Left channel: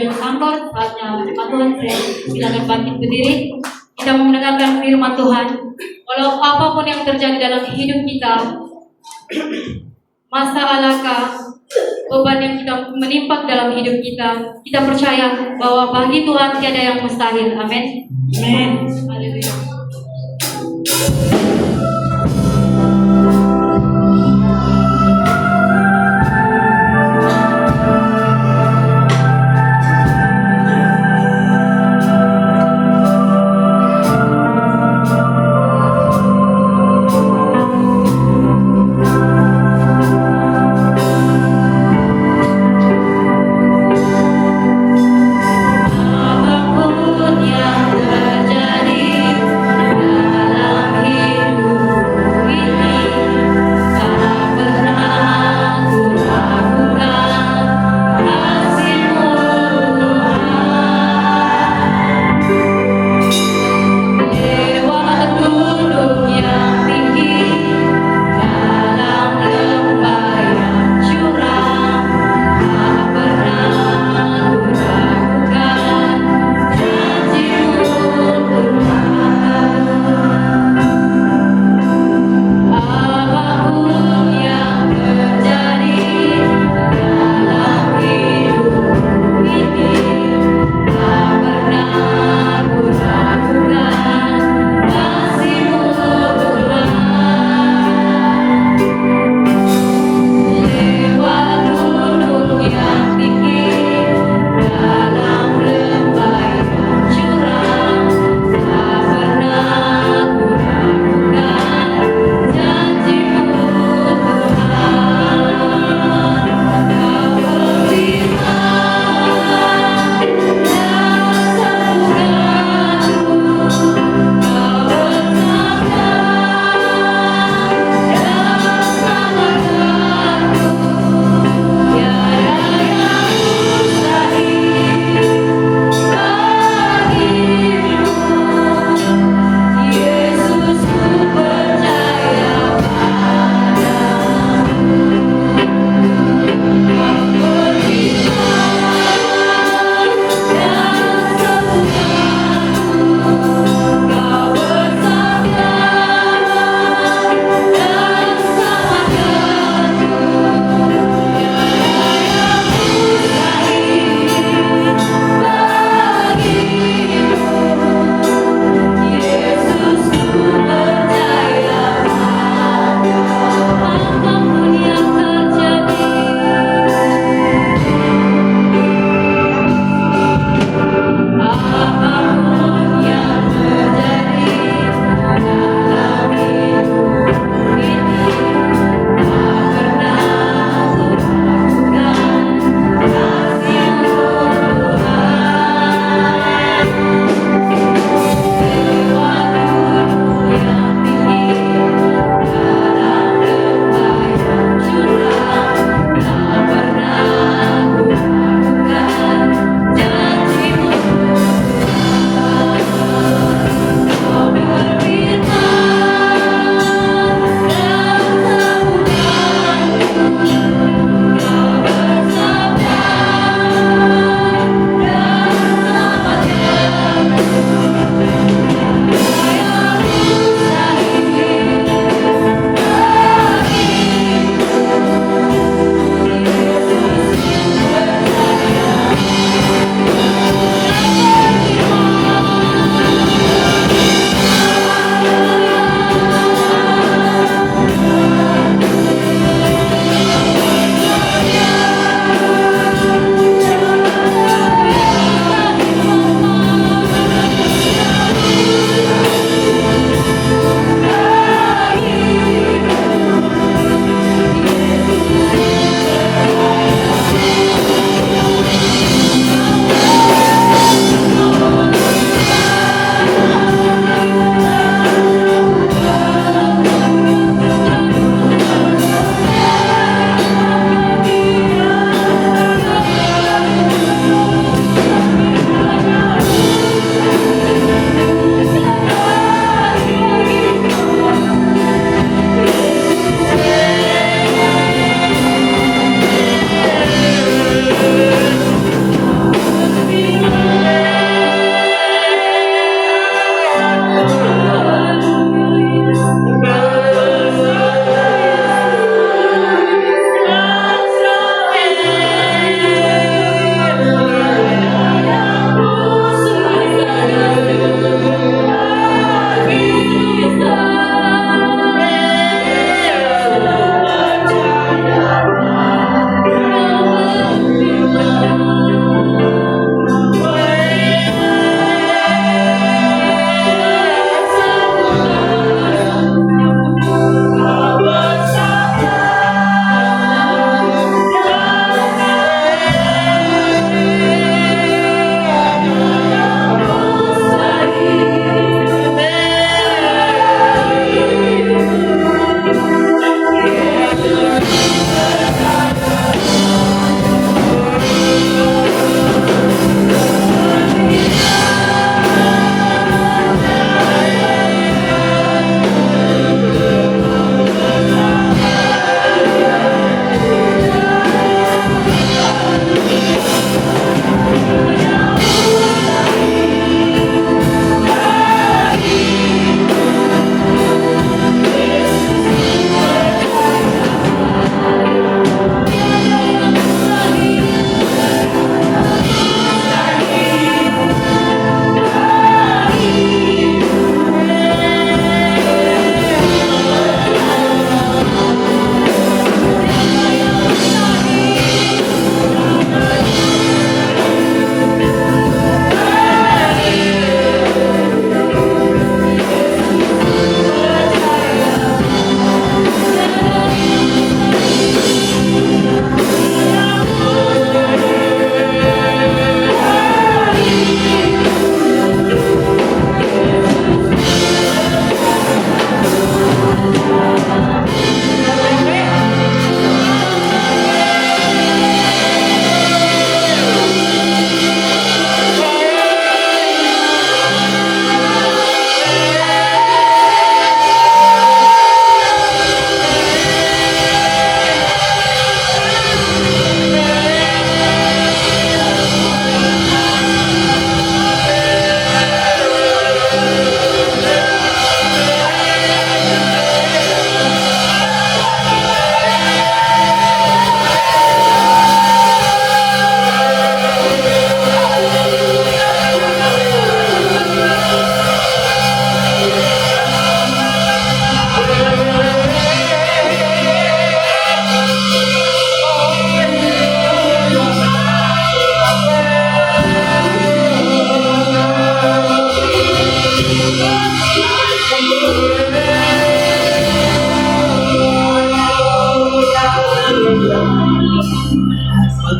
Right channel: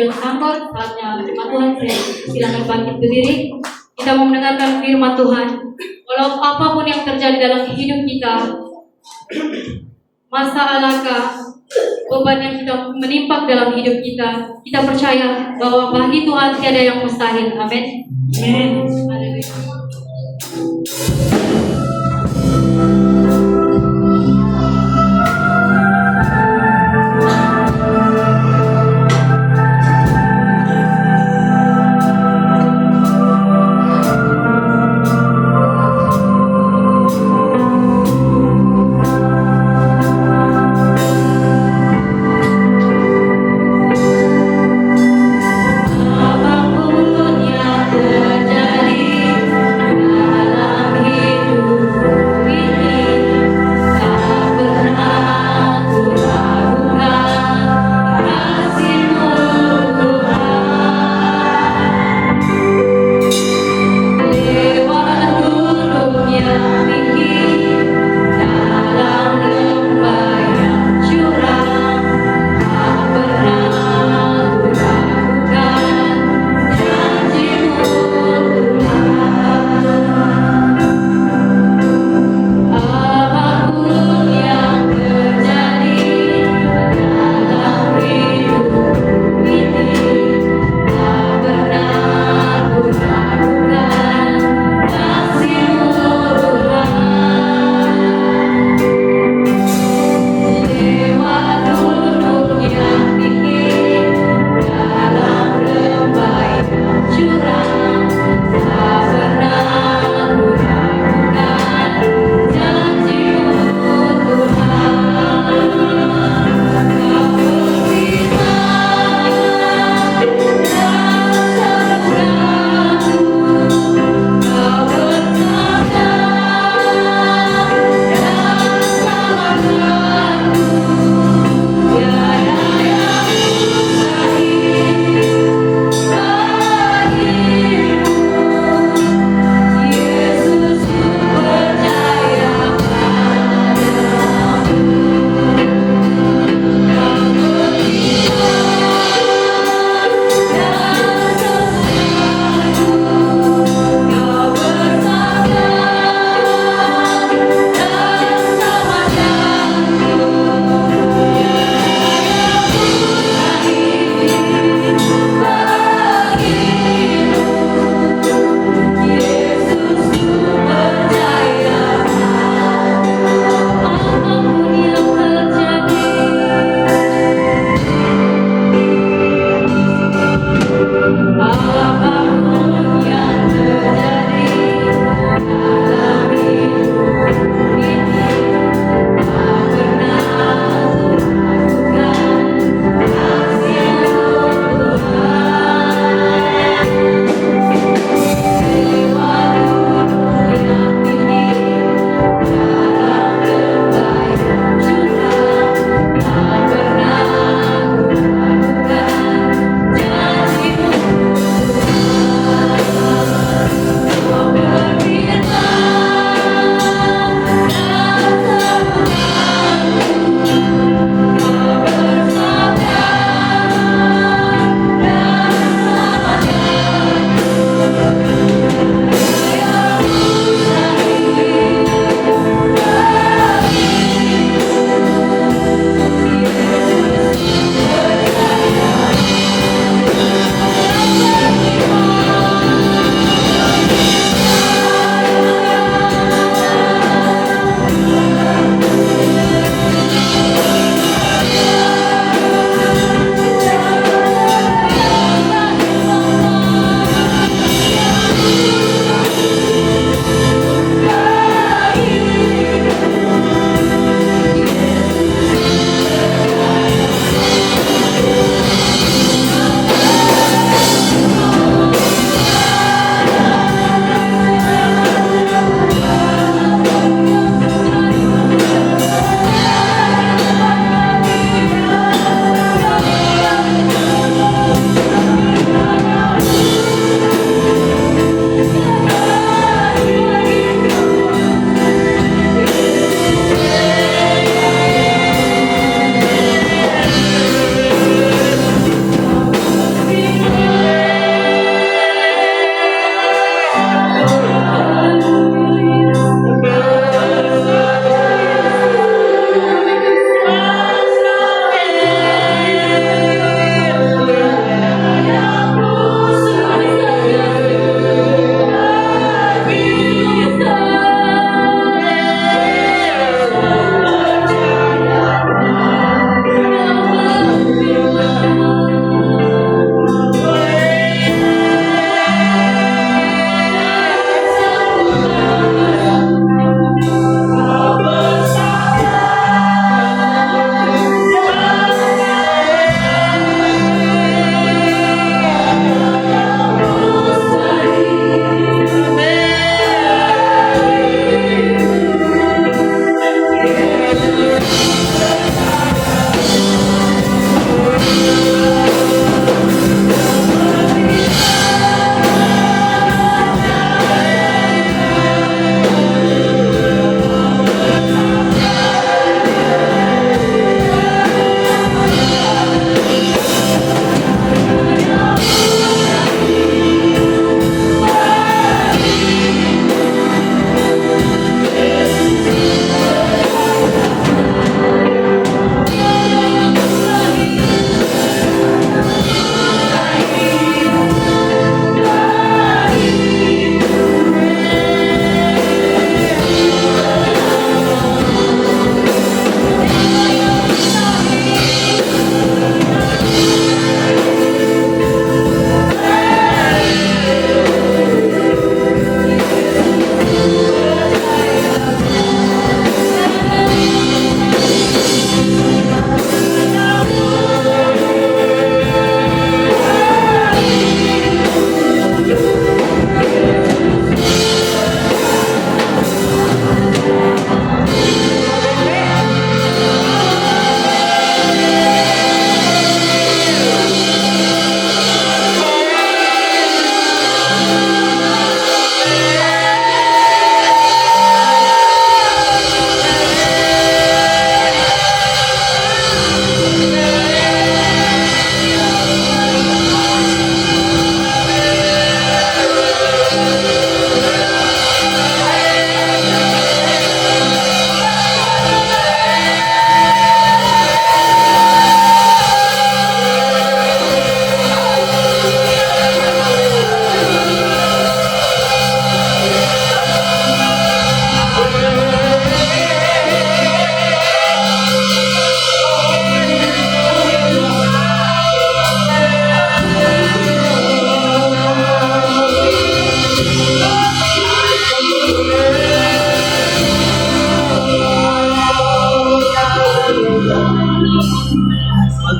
tujuan kantor. Saatnya firman Tuhan, saya silakan bangkit berdiri. Kita mau mendengarkan firman Tuhan. Walau apapun yang terjadi dalam hidup kita, masalahkah, beban yang kita menimpa dalam hidup kita, kita percaya bahwa bagi Tuhan tiada yang mustahil. Amin. Amin. Haleluya. Apapun yang terjadi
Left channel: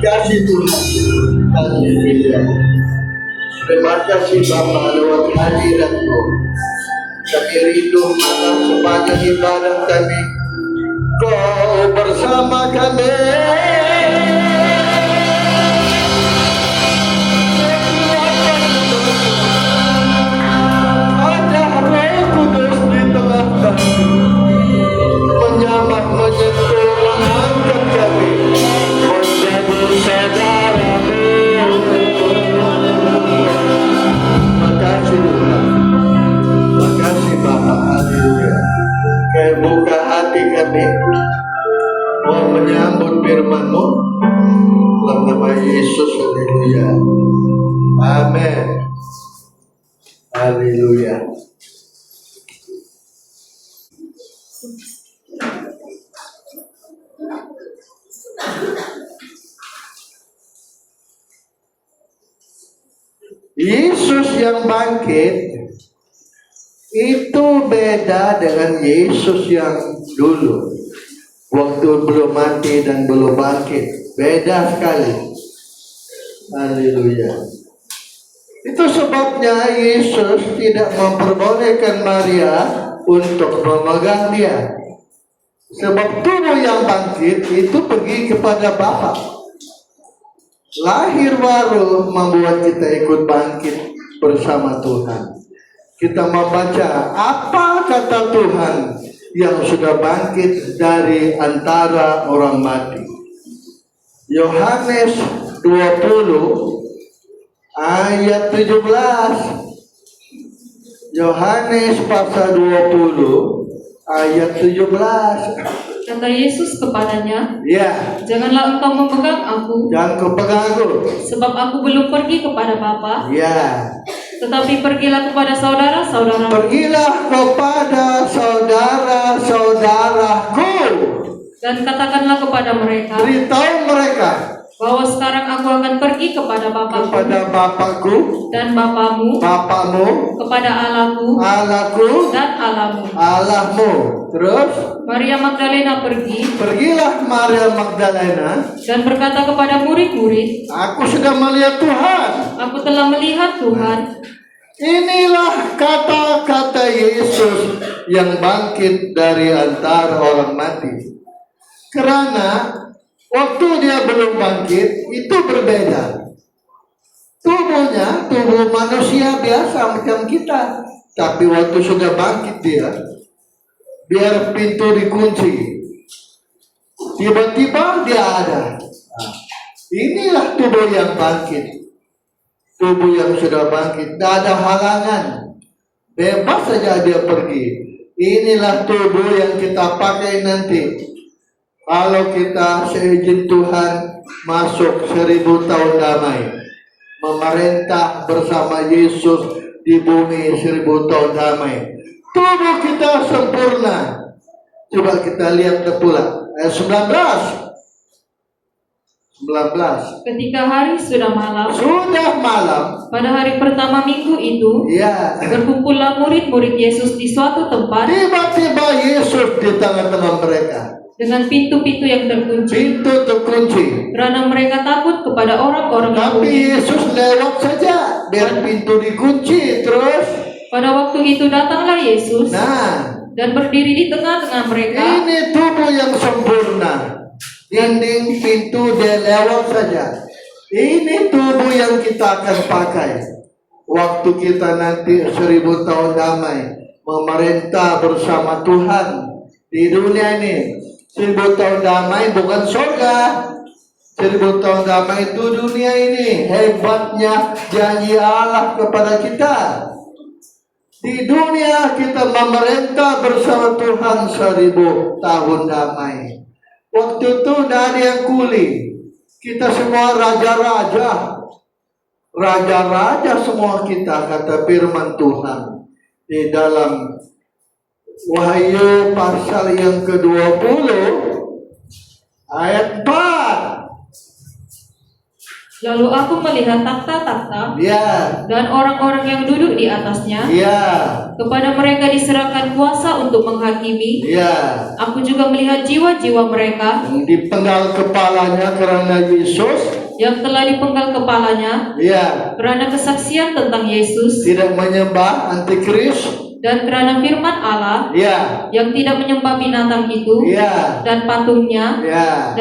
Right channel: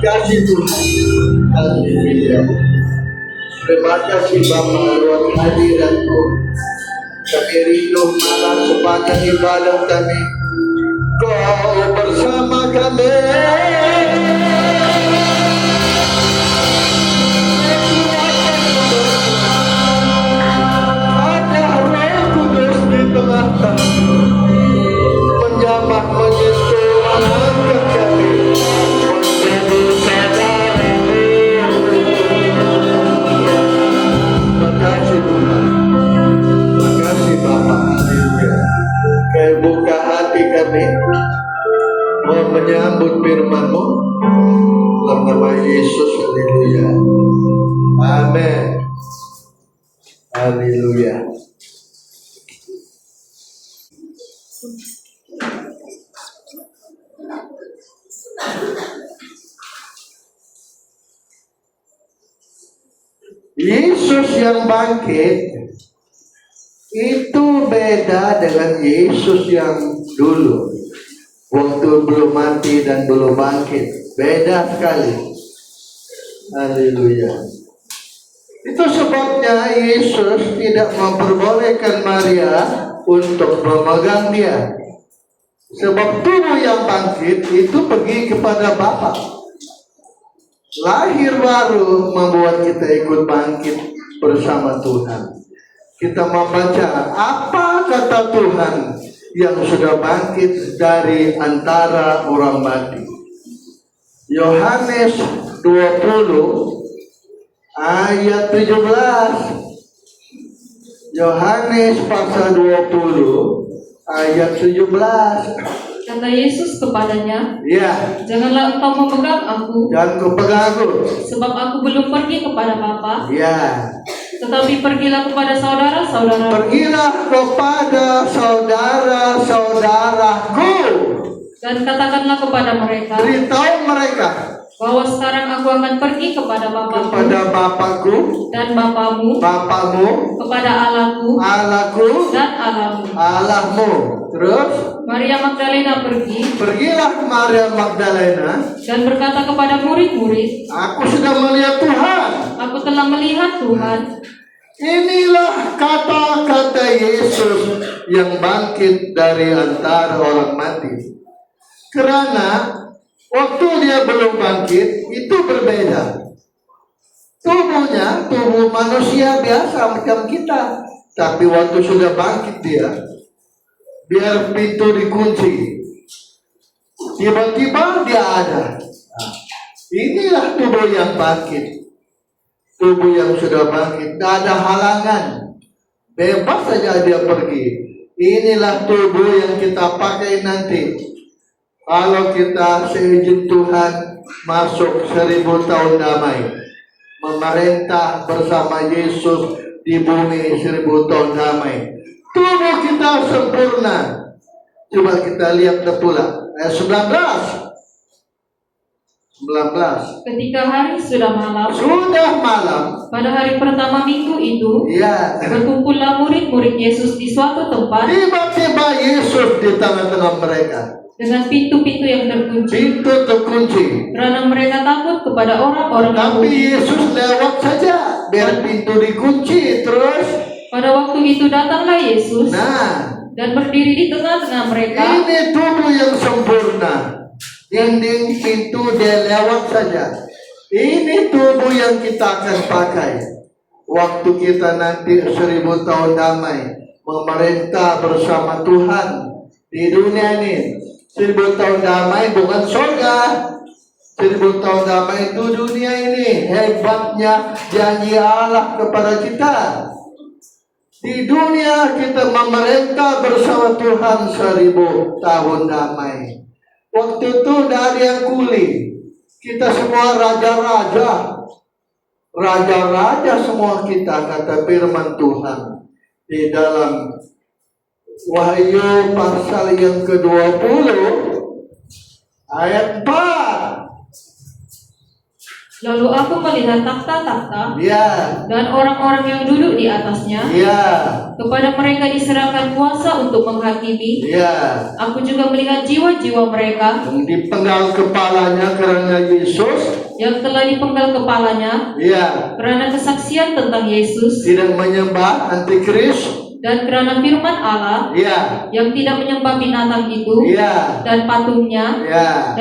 kasih Tuhan. Haleluya. Terima kasih Bapa lewat hadirat-Mu. Kami rindu atas sepanjang ibadah kami. Kau bersama kami. Ada Roh Kudus di tengah kami, menyamar menyentuh mengangkat kami menjadi saudara-Mu. Makasih Tuhan, makasih Bapa. Haleluya. Kau buka hati kami mau menyambut firman-Mu dalam nama Yesus. Haleluya. Amin. Haleluya. Yesus yang bangkit itu beda dengan Yesus yang dulu, waktu belum mati dan belum bangkit. Beda sekali. Haleluya. Itu sebabnya Yesus tidak memperbolehkan Maria untuk memegang dia. Sebab tubuh yang bangkit itu pergi kepada Bapa. Lahir baru membuat kita ikut bangkit bersama Tuhan. Kita membaca apa kata Tuhan yang sudah bangkit dari antara orang mati. Yohanes 20 ayat 17. Yohanes pasal 20 ayat 17. Kata Yesus kepadanya, Ya, janganlah engkau memegang aku, jangan kau pegang aku. sebab aku belum pergi kepada Bapa. Ya, Tetapi pergilah kepada saudara-saudara, pergilah kepada saudara-saudaraku. dan katakanlah kepada mereka Beritahu mereka bahwa sekarang aku akan pergi kepada Bapakku kepada Bapakku, dan Bapamu, Bapamu, kepada Allahku Allahku, dan Allahmu. Allahmu. Terus Maria Magdalena pergi pergilah Maria Magdalena. dan berkata kepada murid-murid, Aku sudah melihat Tuhan. aku telah melihat Tuhan. Inilah kata-kata Yesus yang bangkit dari antara orang mati. Karena waktu dia belum bangkit itu berbeda. Tubuhnya tubuh manusia biasa macam kita. Tapi waktu sudah bangkit dia, biar pintu dikunci, tiba-tiba dia ada. Nah, inilah tubuh yang bangkit. Tubuh yang sudah bangkit, tidak ada halangan, bebas saja dia pergi. Inilah tubuh yang kita pakai nanti. Kalau kita seizin Tuhan masuk 1000 tahun damai, memerintah bersama Yesus di bumi 1000 tahun damai. Tubuh kita sempurna. Coba kita lihat pula ayat 19. Ketika hari sudah malam, Pada hari pertama minggu itu, ya, berkumpullah murid-murid Yesus di suatu tempat tiba-tiba Yesus di tengah-tengah mereka. dengan pintu-pintu yang terkunci, Pintu terkunci. karena mereka takut kepada orang-orang Tapi Yahudi. Yesus lewat saja, biar pintu dikunci. Terus, Pada waktu itu datanglah Yesus nah, dan berdiri di tengah-tengah mereka. ini tubuh yang sempurna. Dinding pintu dia lewat saja. Ini tubuh yang kita akan pakai waktu kita nanti 1000 tahun damai memerintah bersama Tuhan di dunia ini. 1000 tahun damai bukan surga. 1000 tahun damai itu dunia ini. Hebatnya janji Allah kepada kita. Di dunia kita memerintah bersama Tuhan 1000 tahun damai. Waktu itu tidak ada yang kuli. Kita semua raja-raja. Raja-raja semua kita, kata firman Tuhan. Di dalam Wahyu pasal yang ke-20 ayat 4. Lalu aku melihat takhta-takhta Ya, dan orang-orang yang duduk di atasnya. ya, Kepada mereka diserahkan kuasa untuk menghakimi. ya. Aku juga melihat jiwa-jiwa mereka Yang dipenggal kepalanya karena Yesus. yang telah dipenggal kepalanya Ya, karena kesaksian tentang Yesus tidak menyembah antikris. dan karena firman Allah, Ya, yang tidak menyembah binatang itu ya, dan patungnya, ya,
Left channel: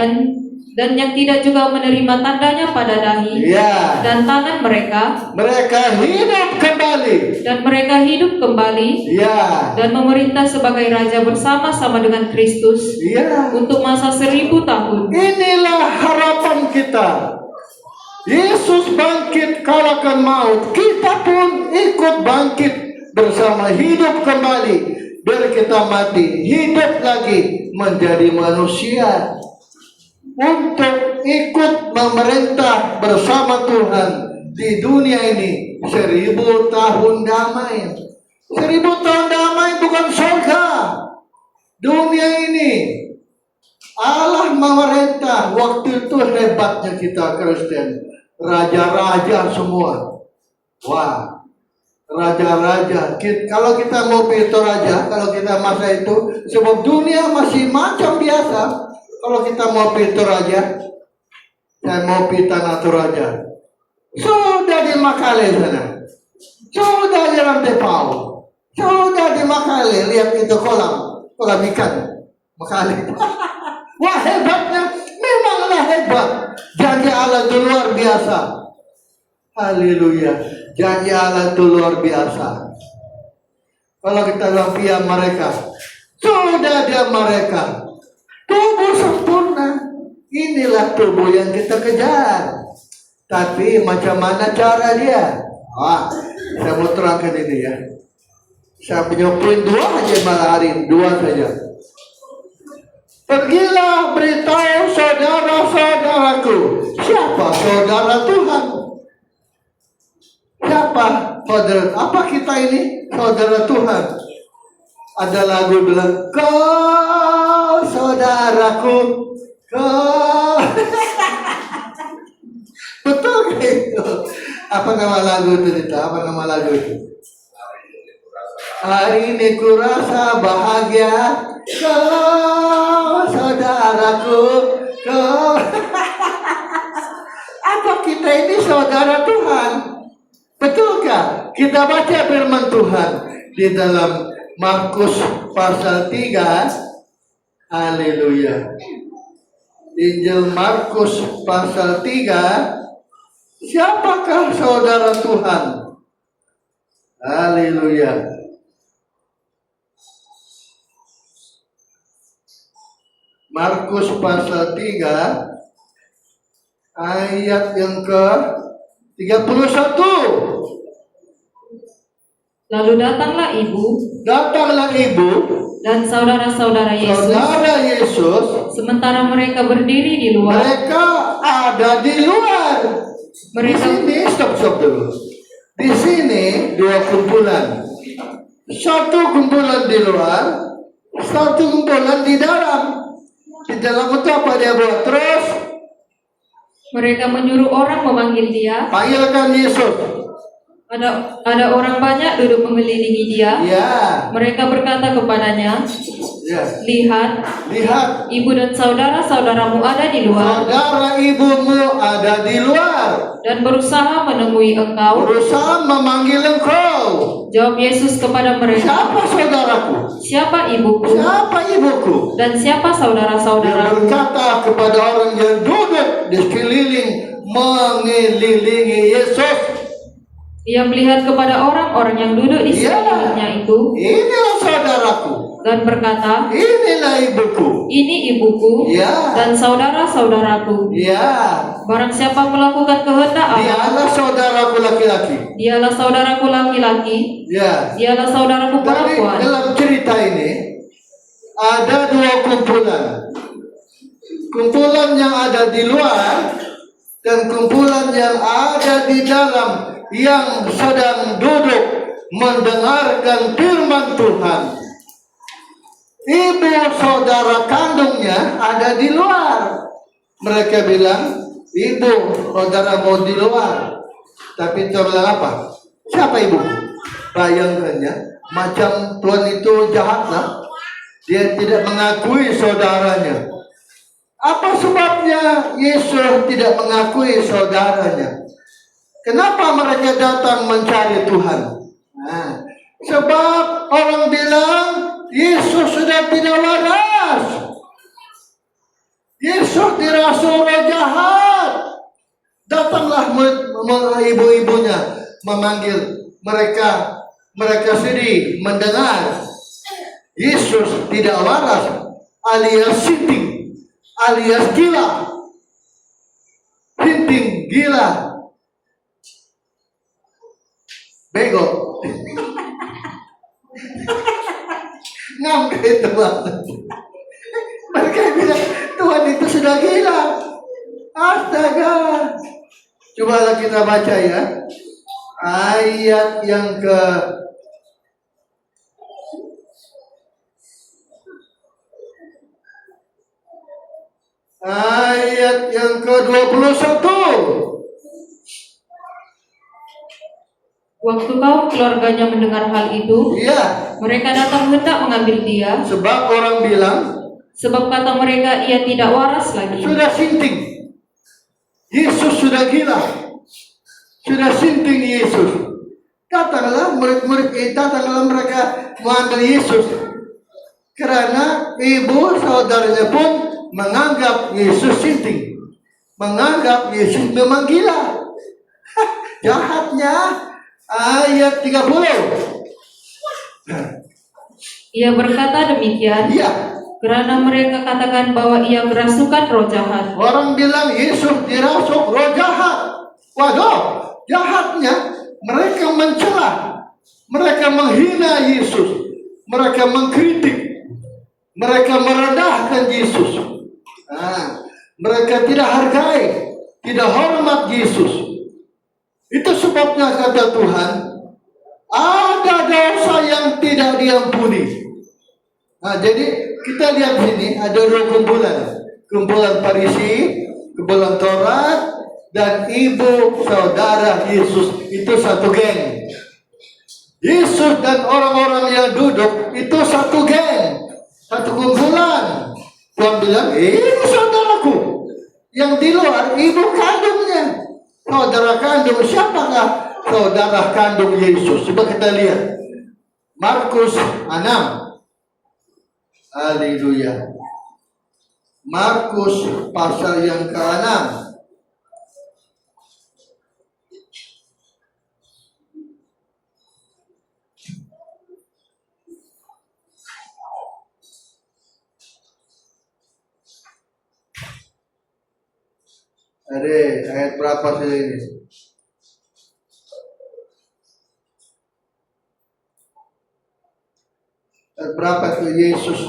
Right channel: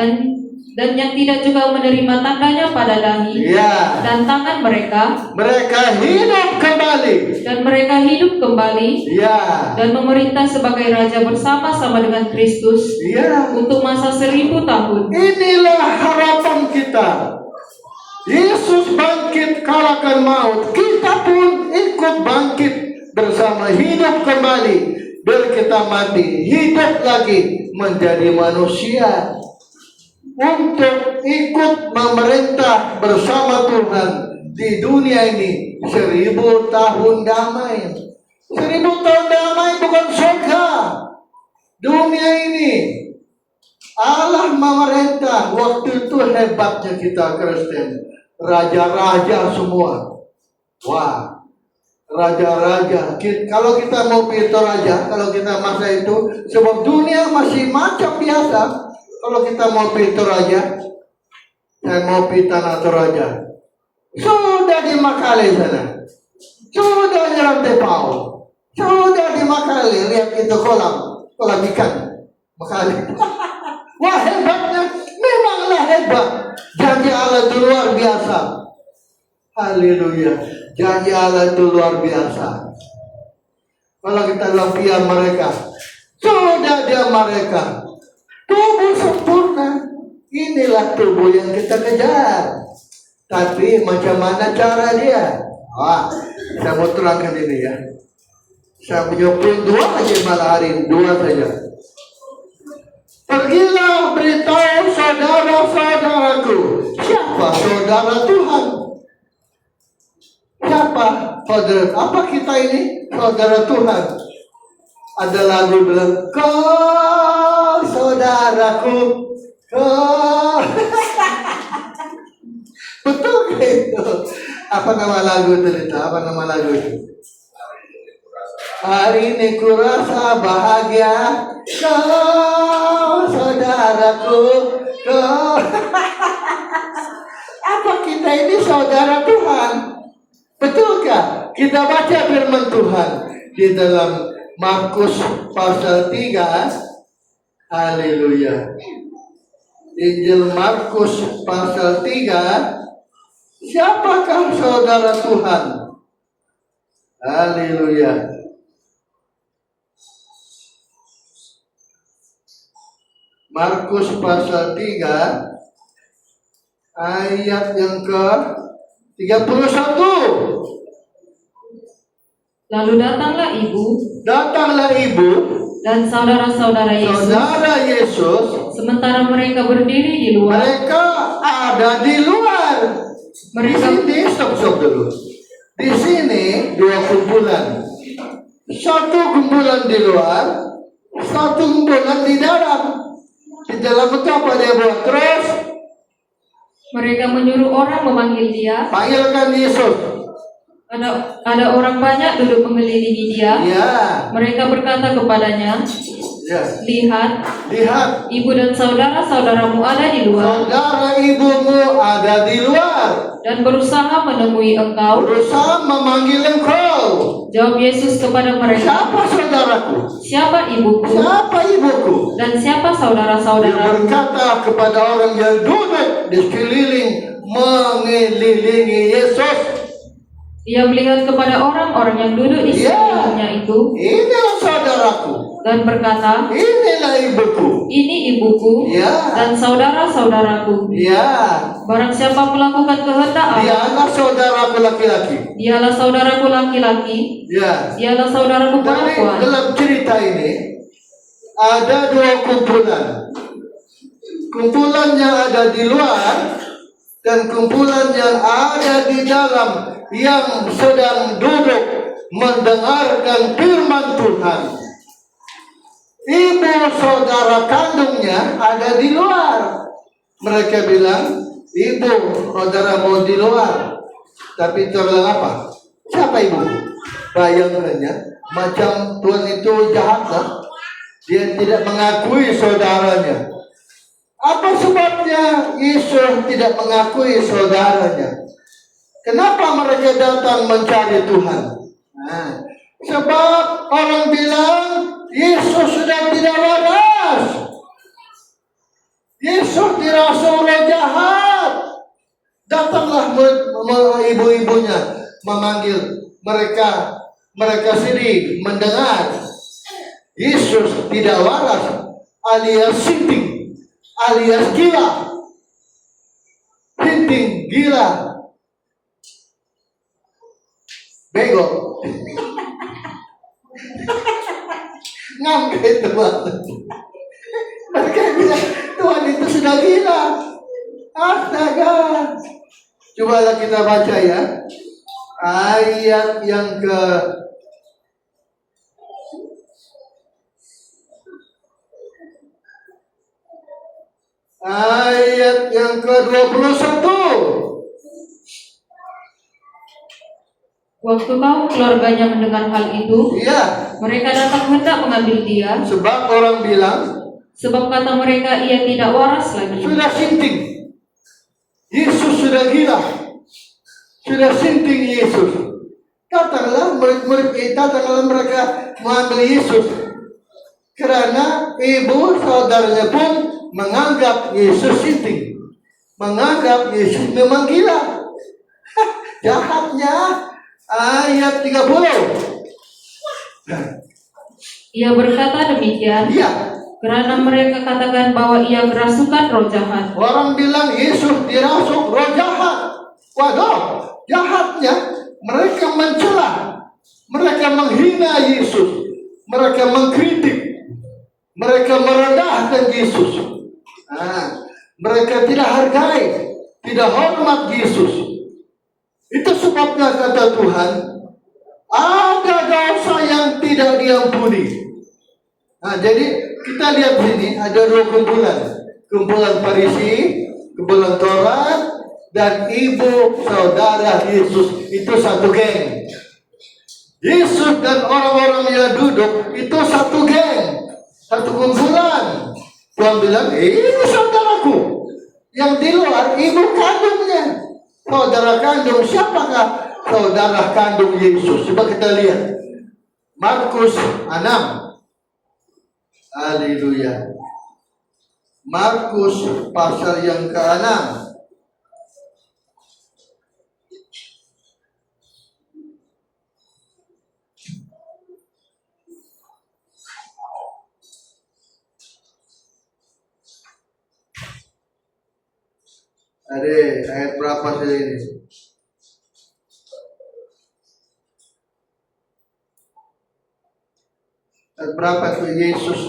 dan yang tidak juga menerima tandanya pada dahi ya. dan tangan mereka, Mereka hidup kembali. dan mereka hidup kembali Ya, dan memerintah sebagai raja bersama-sama dengan Kristus ya. untuk masa 1000 tahun. Inilah harapan kita. Yesus bangkit kalahkan maut. Kita pun ikut bangkit bersama, hidup kembali. Biar kita mati, hidup lagi menjadi manusia. Untuk ikut memerintah bersama Tuhan di dunia ini 1000 tahun damai. 1000 tahun damai bukan surga. Dunia ini Allah memerintah. Waktu itu hebatnya kita Kristen. Raja-raja semua. Wah, raja-raja. Kalau kita mau pilih raja, kalau kita masa itu, sebab dunia masih macam biasa. Kalau kita mau pilih raja, saya mau pilih tanah raja. Sudah di Makale sana. Sudah di Rantepau. Sudah di Makale. Lihat itu kolam ikan. Makale. Wah, hebatnya. Memanglah hebat. Janji Allah itu luar biasa. Haleluya. Janji Allah itu luar biasa. Kalau kita lihat mereka, sudah dia mereka. Tubuh sempurna. Inilah tubuh yang kita kejar. Tapi macam mana cara dia? Saya mau terangkan ini ya. Saya menyuapin 2 aja malah hari, 2 saja. Pergilah beritahu saudara-saudaraku. Siapa saudara Tuhan? Siapa saudara? Apa kita ini saudara Tuhan? Ada lagu bilang, kau saudaraku, kau. Betul gitu. Apa nama lagu itu? Apa nama lagu itu? Hari ini ku rasa bahagia, kau saudaraku, kau. Apa kita ini saudara Tuhan? Betulkah? Kita baca firman Tuhan di dalam Markus pasal 3. Haleluya. Injil Markus pasal 3. Siapakah saudara Tuhan? Haleluya. Markus pasal 3 ayat yang ke-31. Lalu datanglah ibu dan saudara-saudara Yesus. saudara Yesus. Sementara mereka berdiri di luar. Mereka ada di luar. Di sini, stop dulu. Di sini 2 kumpulan. Satu kumpulan di luar, satu kumpulan di dalam. Di dalam itu apa dia buat? Terus Mereka menyuruh orang memanggil dia. panggilkan Yesus. Ada orang banyak duduk mengelilingi dia. Ya, Mereka berkata kepadanya, ya. lihat, ibu dan saudara-saudaramu ada di luar Saudara ibumu ada di luar, dan berusaha menemui engkau. berusaha memanggil engkau. Jawab Yesus kepada mereka, Siapa saudaraku? siapa ibuku Siapa ibuku? dan siapa Dia saudara-saudaramu? berkata kepada orang yang duduk di sekeliling mengelilingi Yesus. Ia melihat kepada orang-orang yang duduk di Ya. sekelilingnya itu Inilah saudaraku, dan berkata, inilah ibuku. ini ibuku Ya, dan saudara-saudaraku. ya. Barang siapa melakukan kehendak Allah, Dialah saudaraku laki-laki. dialah saudaraku laki-laki, Ya. dialah saudaraku Tapi perempuan. dalam cerita ini ada 2 kumpulan. Kumpulan yang ada di luar dan kumpulan yang ada di dalam, yang sedang duduk mendengarkan firman Tuhan. Ibu saudara kandungnya ada di luar. Mereka bilang, ibu saudara mau di luar, tapi terlelapa. Siapa ibu? Bayangkannya, macam Tuhan itu jahatlah. Dia tidak mengakui saudaranya. Apa sebabnya Yesus tidak mengakui saudaranya? Kenapa mereka datang mencari Tuhan? Nah, sebab orang bilang Yesus sudah tidak waras. Yesus dirasa orang jahat. Datanglah ibu-ibunya memanggil mereka. Mereka sedih mendengar Yesus tidak waras, alias sinting, alias gila. Sinting, gila, bego. Ngam kayak teman. Mereka bilang Tuhan itu sudah gila. Astaga. Cobalah kita baca ya. Ayat yang ke-21. Waktu kaum keluarganya mendengar hal itu, Iya, mereka datang hendak mengambil dia. sebab orang bilang Sebab kata mereka, ia tidak waras lagi. sudah sinting. Yesus sudah gila. Sudah sinting Yesus. Datanglah murid-murid kita, datanglah mereka mengambil Yesus. Karena ibu saudaranya pun menganggap Yesus sinting. Menganggap Yesus memang gila. Jahatnya. Ayat 30. Ia berkata demikian, Iya. karena mereka katakan bahwa ia kerasukan roh jahat. Orang bilang Yesus dirasuk roh jahat. Waduh, jahatnya mereka mencela, mereka menghina Yesus, mereka mengkritik, mereka merendahkan Yesus. Mereka tidak hargai, tidak hormat Yesus. Itu sebabnya kata Tuhan, ada dosa yang tidak diampuni. Jadi kita lihat sini ada dua kumpulan. Kumpulan Farisi, kumpulan Taurat, dan ibu saudara Yesus. Itu satu geng. Yesus dan orang-orang yang duduk itu satu geng, satu kumpulan. Tuhan bilang, ini saudaraku. Yang di luar ibu kandungnya. Saudara kandung, siapakah saudara kandung Yesus? Coba kita lihat Markus 6. Haleluya. Markus pasal yang ke-6. Ayat berapa sih ini? Ayat berapa tuh Yesus?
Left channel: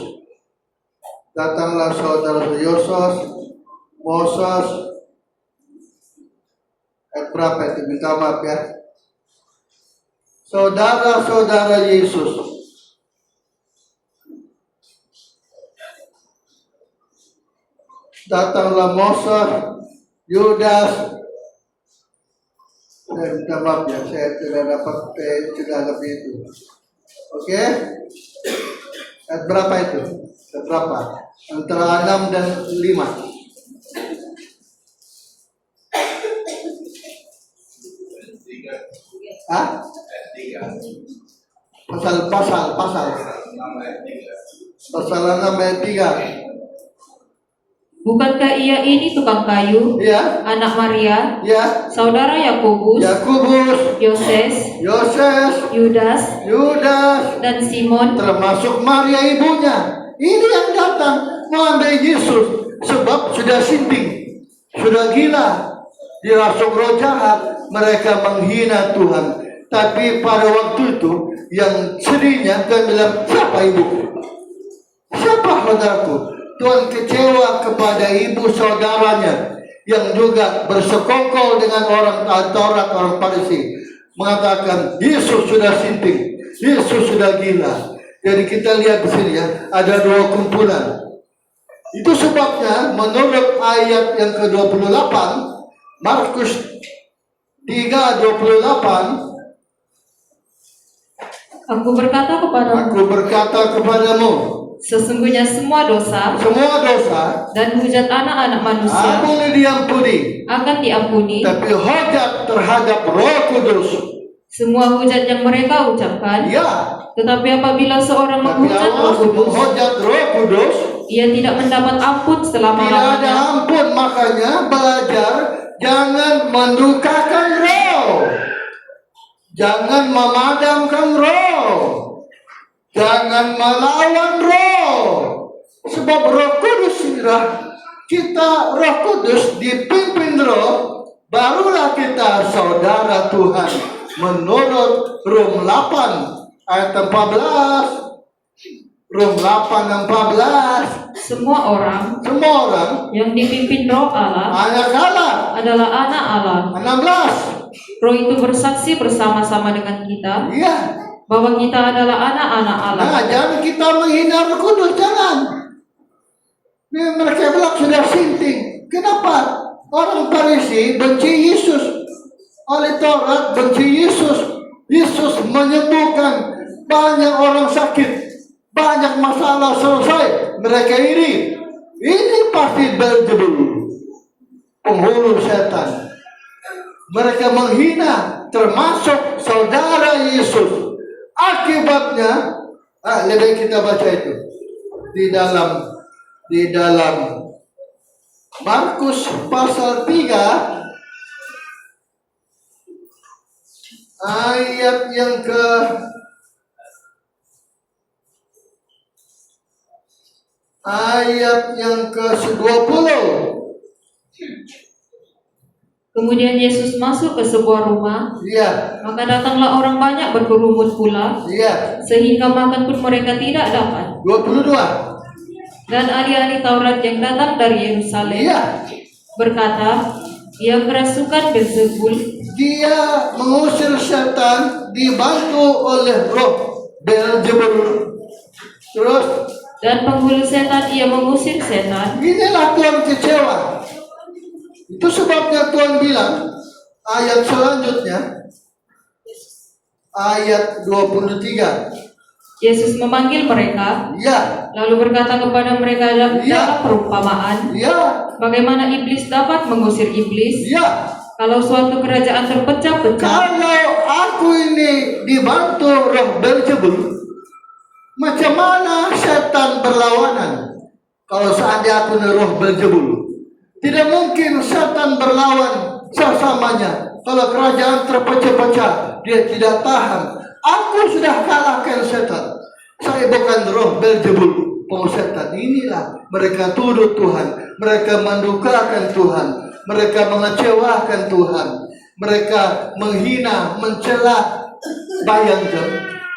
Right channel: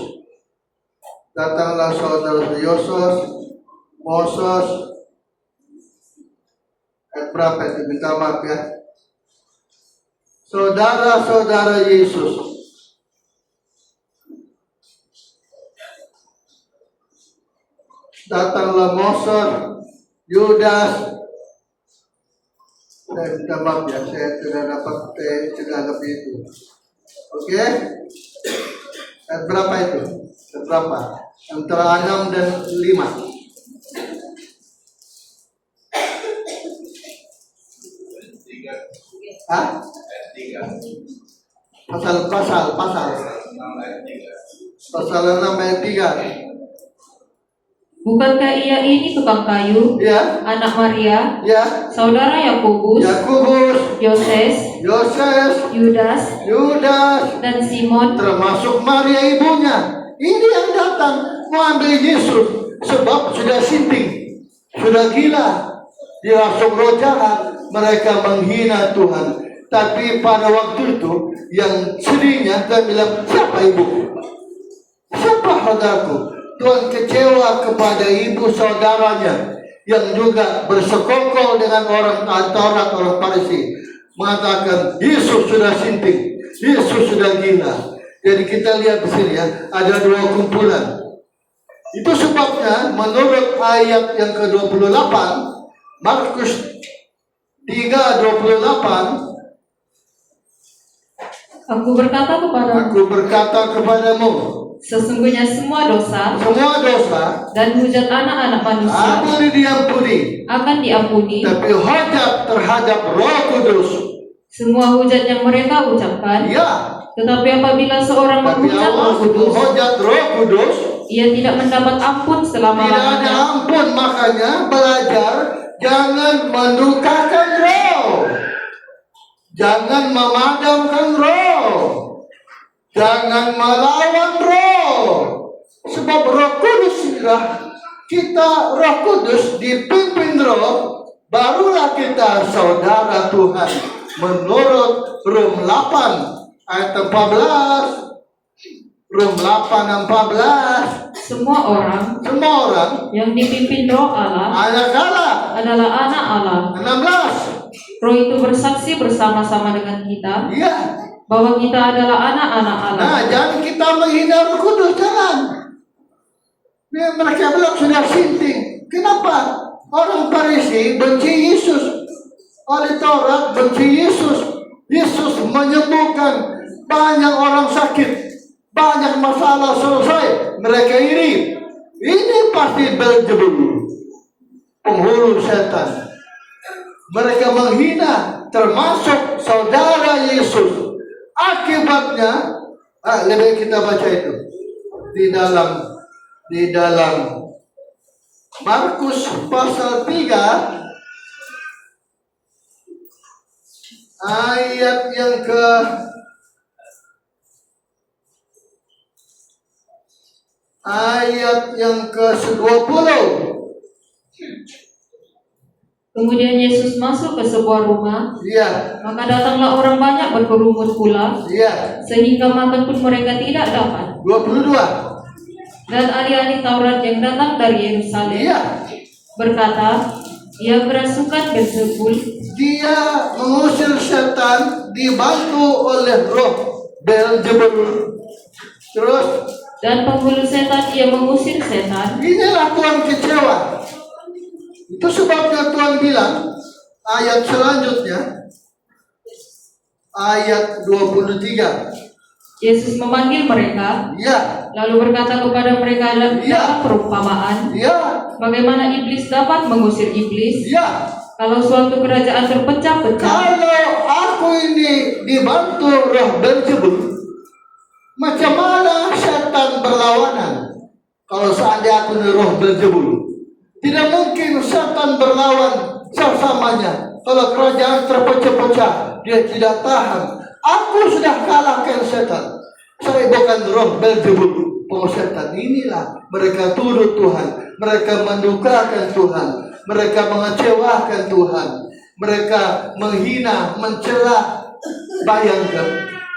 Datanglah saudara Yosef, Moses. Ayat berapa itu? Minta maaf ya. Saudara-saudara Yesus. Datanglah Moses, Yudas. Saya minta maaf ya, saya tidak dapat lebih itu. Oke? Ayat berapa itu? Ayat berapa? Antara 6 dan 5. Hah? Pasal 6 ayat 3. Bukankah ia ini tukang kayu, Ya, anak Maria, ya. saudara Yakobus, Yoses, Yudas, dan Simon, termasuk Maria ibunya. Ini yang datang mengambil Yesus sebab sudah sinting, sudah gila, dirasuk roh jahat. Mereka menghina Tuhan. Tapi pada waktu itu yang sedihnya Tuhan bilang, siapa ibuku? Siapa saudaraku? Tuhan kecewa kepada ibu saudaranya yang juga bersekongkol dengan orang Taurat, orang Farisi, mengatakan Yesus sudah sinting, Yesus sudah gila. Jadi kita lihat di sini ya, ada dua kumpulan. Itu sebabnya menurut ayat yang ke-28 Markus 3:28, Aku berkata kepadamu, aku berkata kepadamu, sesungguhnya semua dosa semua dosa dan hujat anak-anak manusia boleh diampuni, akan diampuni. tapi hujat terhadap Roh Kudus, Semua hujat yang mereka ucapkan, ya, tetapi apabila seorang tapi menghujat Allah Roh Kudus, menghujat Roh Kudus, ia tidak mendapat ampun tidak ada selama-lamanya. ampun. Makanya belajar jangan mendukakan Roh, jangan memadamkan Roh, jangan melawan Roh. Sebab Roh Kudus inilah kita, Roh Kudus dipimpin Roh, barulah kita saudara Tuhan. Menurut Rom 8 ayat 14, Rom 8:14, Semua orang semua orang yang dipimpin Roh Allah anak Allah. adalah anak Allah. 16, Roh itu bersaksi bersama-sama dengan kita iya. bahwa kita adalah anak-anak Allah. Nah, jangan kita menghina Roh Kudus, jangan. Mereka bilang sudah sinting. Kenapa? Orang Farisi benci Yesus. Oleh Taurat benci Yesus. Yesus menyembuhkan banyak orang sakit, banyak masalah selesai. Mereka iri. Ini pasti Beelzebul, penghulu setan. Mereka menghina termasuk saudara Yesus. Akibatnya, lebih kita baca itu di dalam Markus pasal 3 ayat yang ke 20. Kemudian Yesus masuk ke sebuah rumah, Iya, maka datanglah orang banyak berkerumun pula, iya. sehingga makan pun mereka tidak dapat. 22. Dan ahli-ahli Taurat yang datang dari Yerusalem Iya. berkata, ia kerasukan Beelzebul, Dia mengusir setan dibantu oleh roh Beelzebul. Terus dan penghulu setan ia mengusir setan. inilah Tuhan kecewa. Itu sebabnya Tuhan bilang ayat selanjutnya, ayat 23. Yesus memanggil mereka, Ya, lalu berkata kepada mereka dalam Ya. perumpamaan, ya, bagaimana iblis dapat mengusir iblis ya. kalau suatu kerajaan terpecah-pecah. Kalau aku ini dibantu roh Beelzebul, macam mana setan berlawanan? Kalau seandainya aku ini roh Beelzebul, tidak mungkin setan berlawan sesamanya. Kalau kerajaan terpecah-pecah, dia tidak tahan. Aku sudah kalahkan setan. Saya bukan roh Beelzebul, setan. Inilah mereka tuduh Tuhan, mereka mendukakan Tuhan, mereka mengecewakan Tuhan, mereka menghina, mencela. Bayangkan,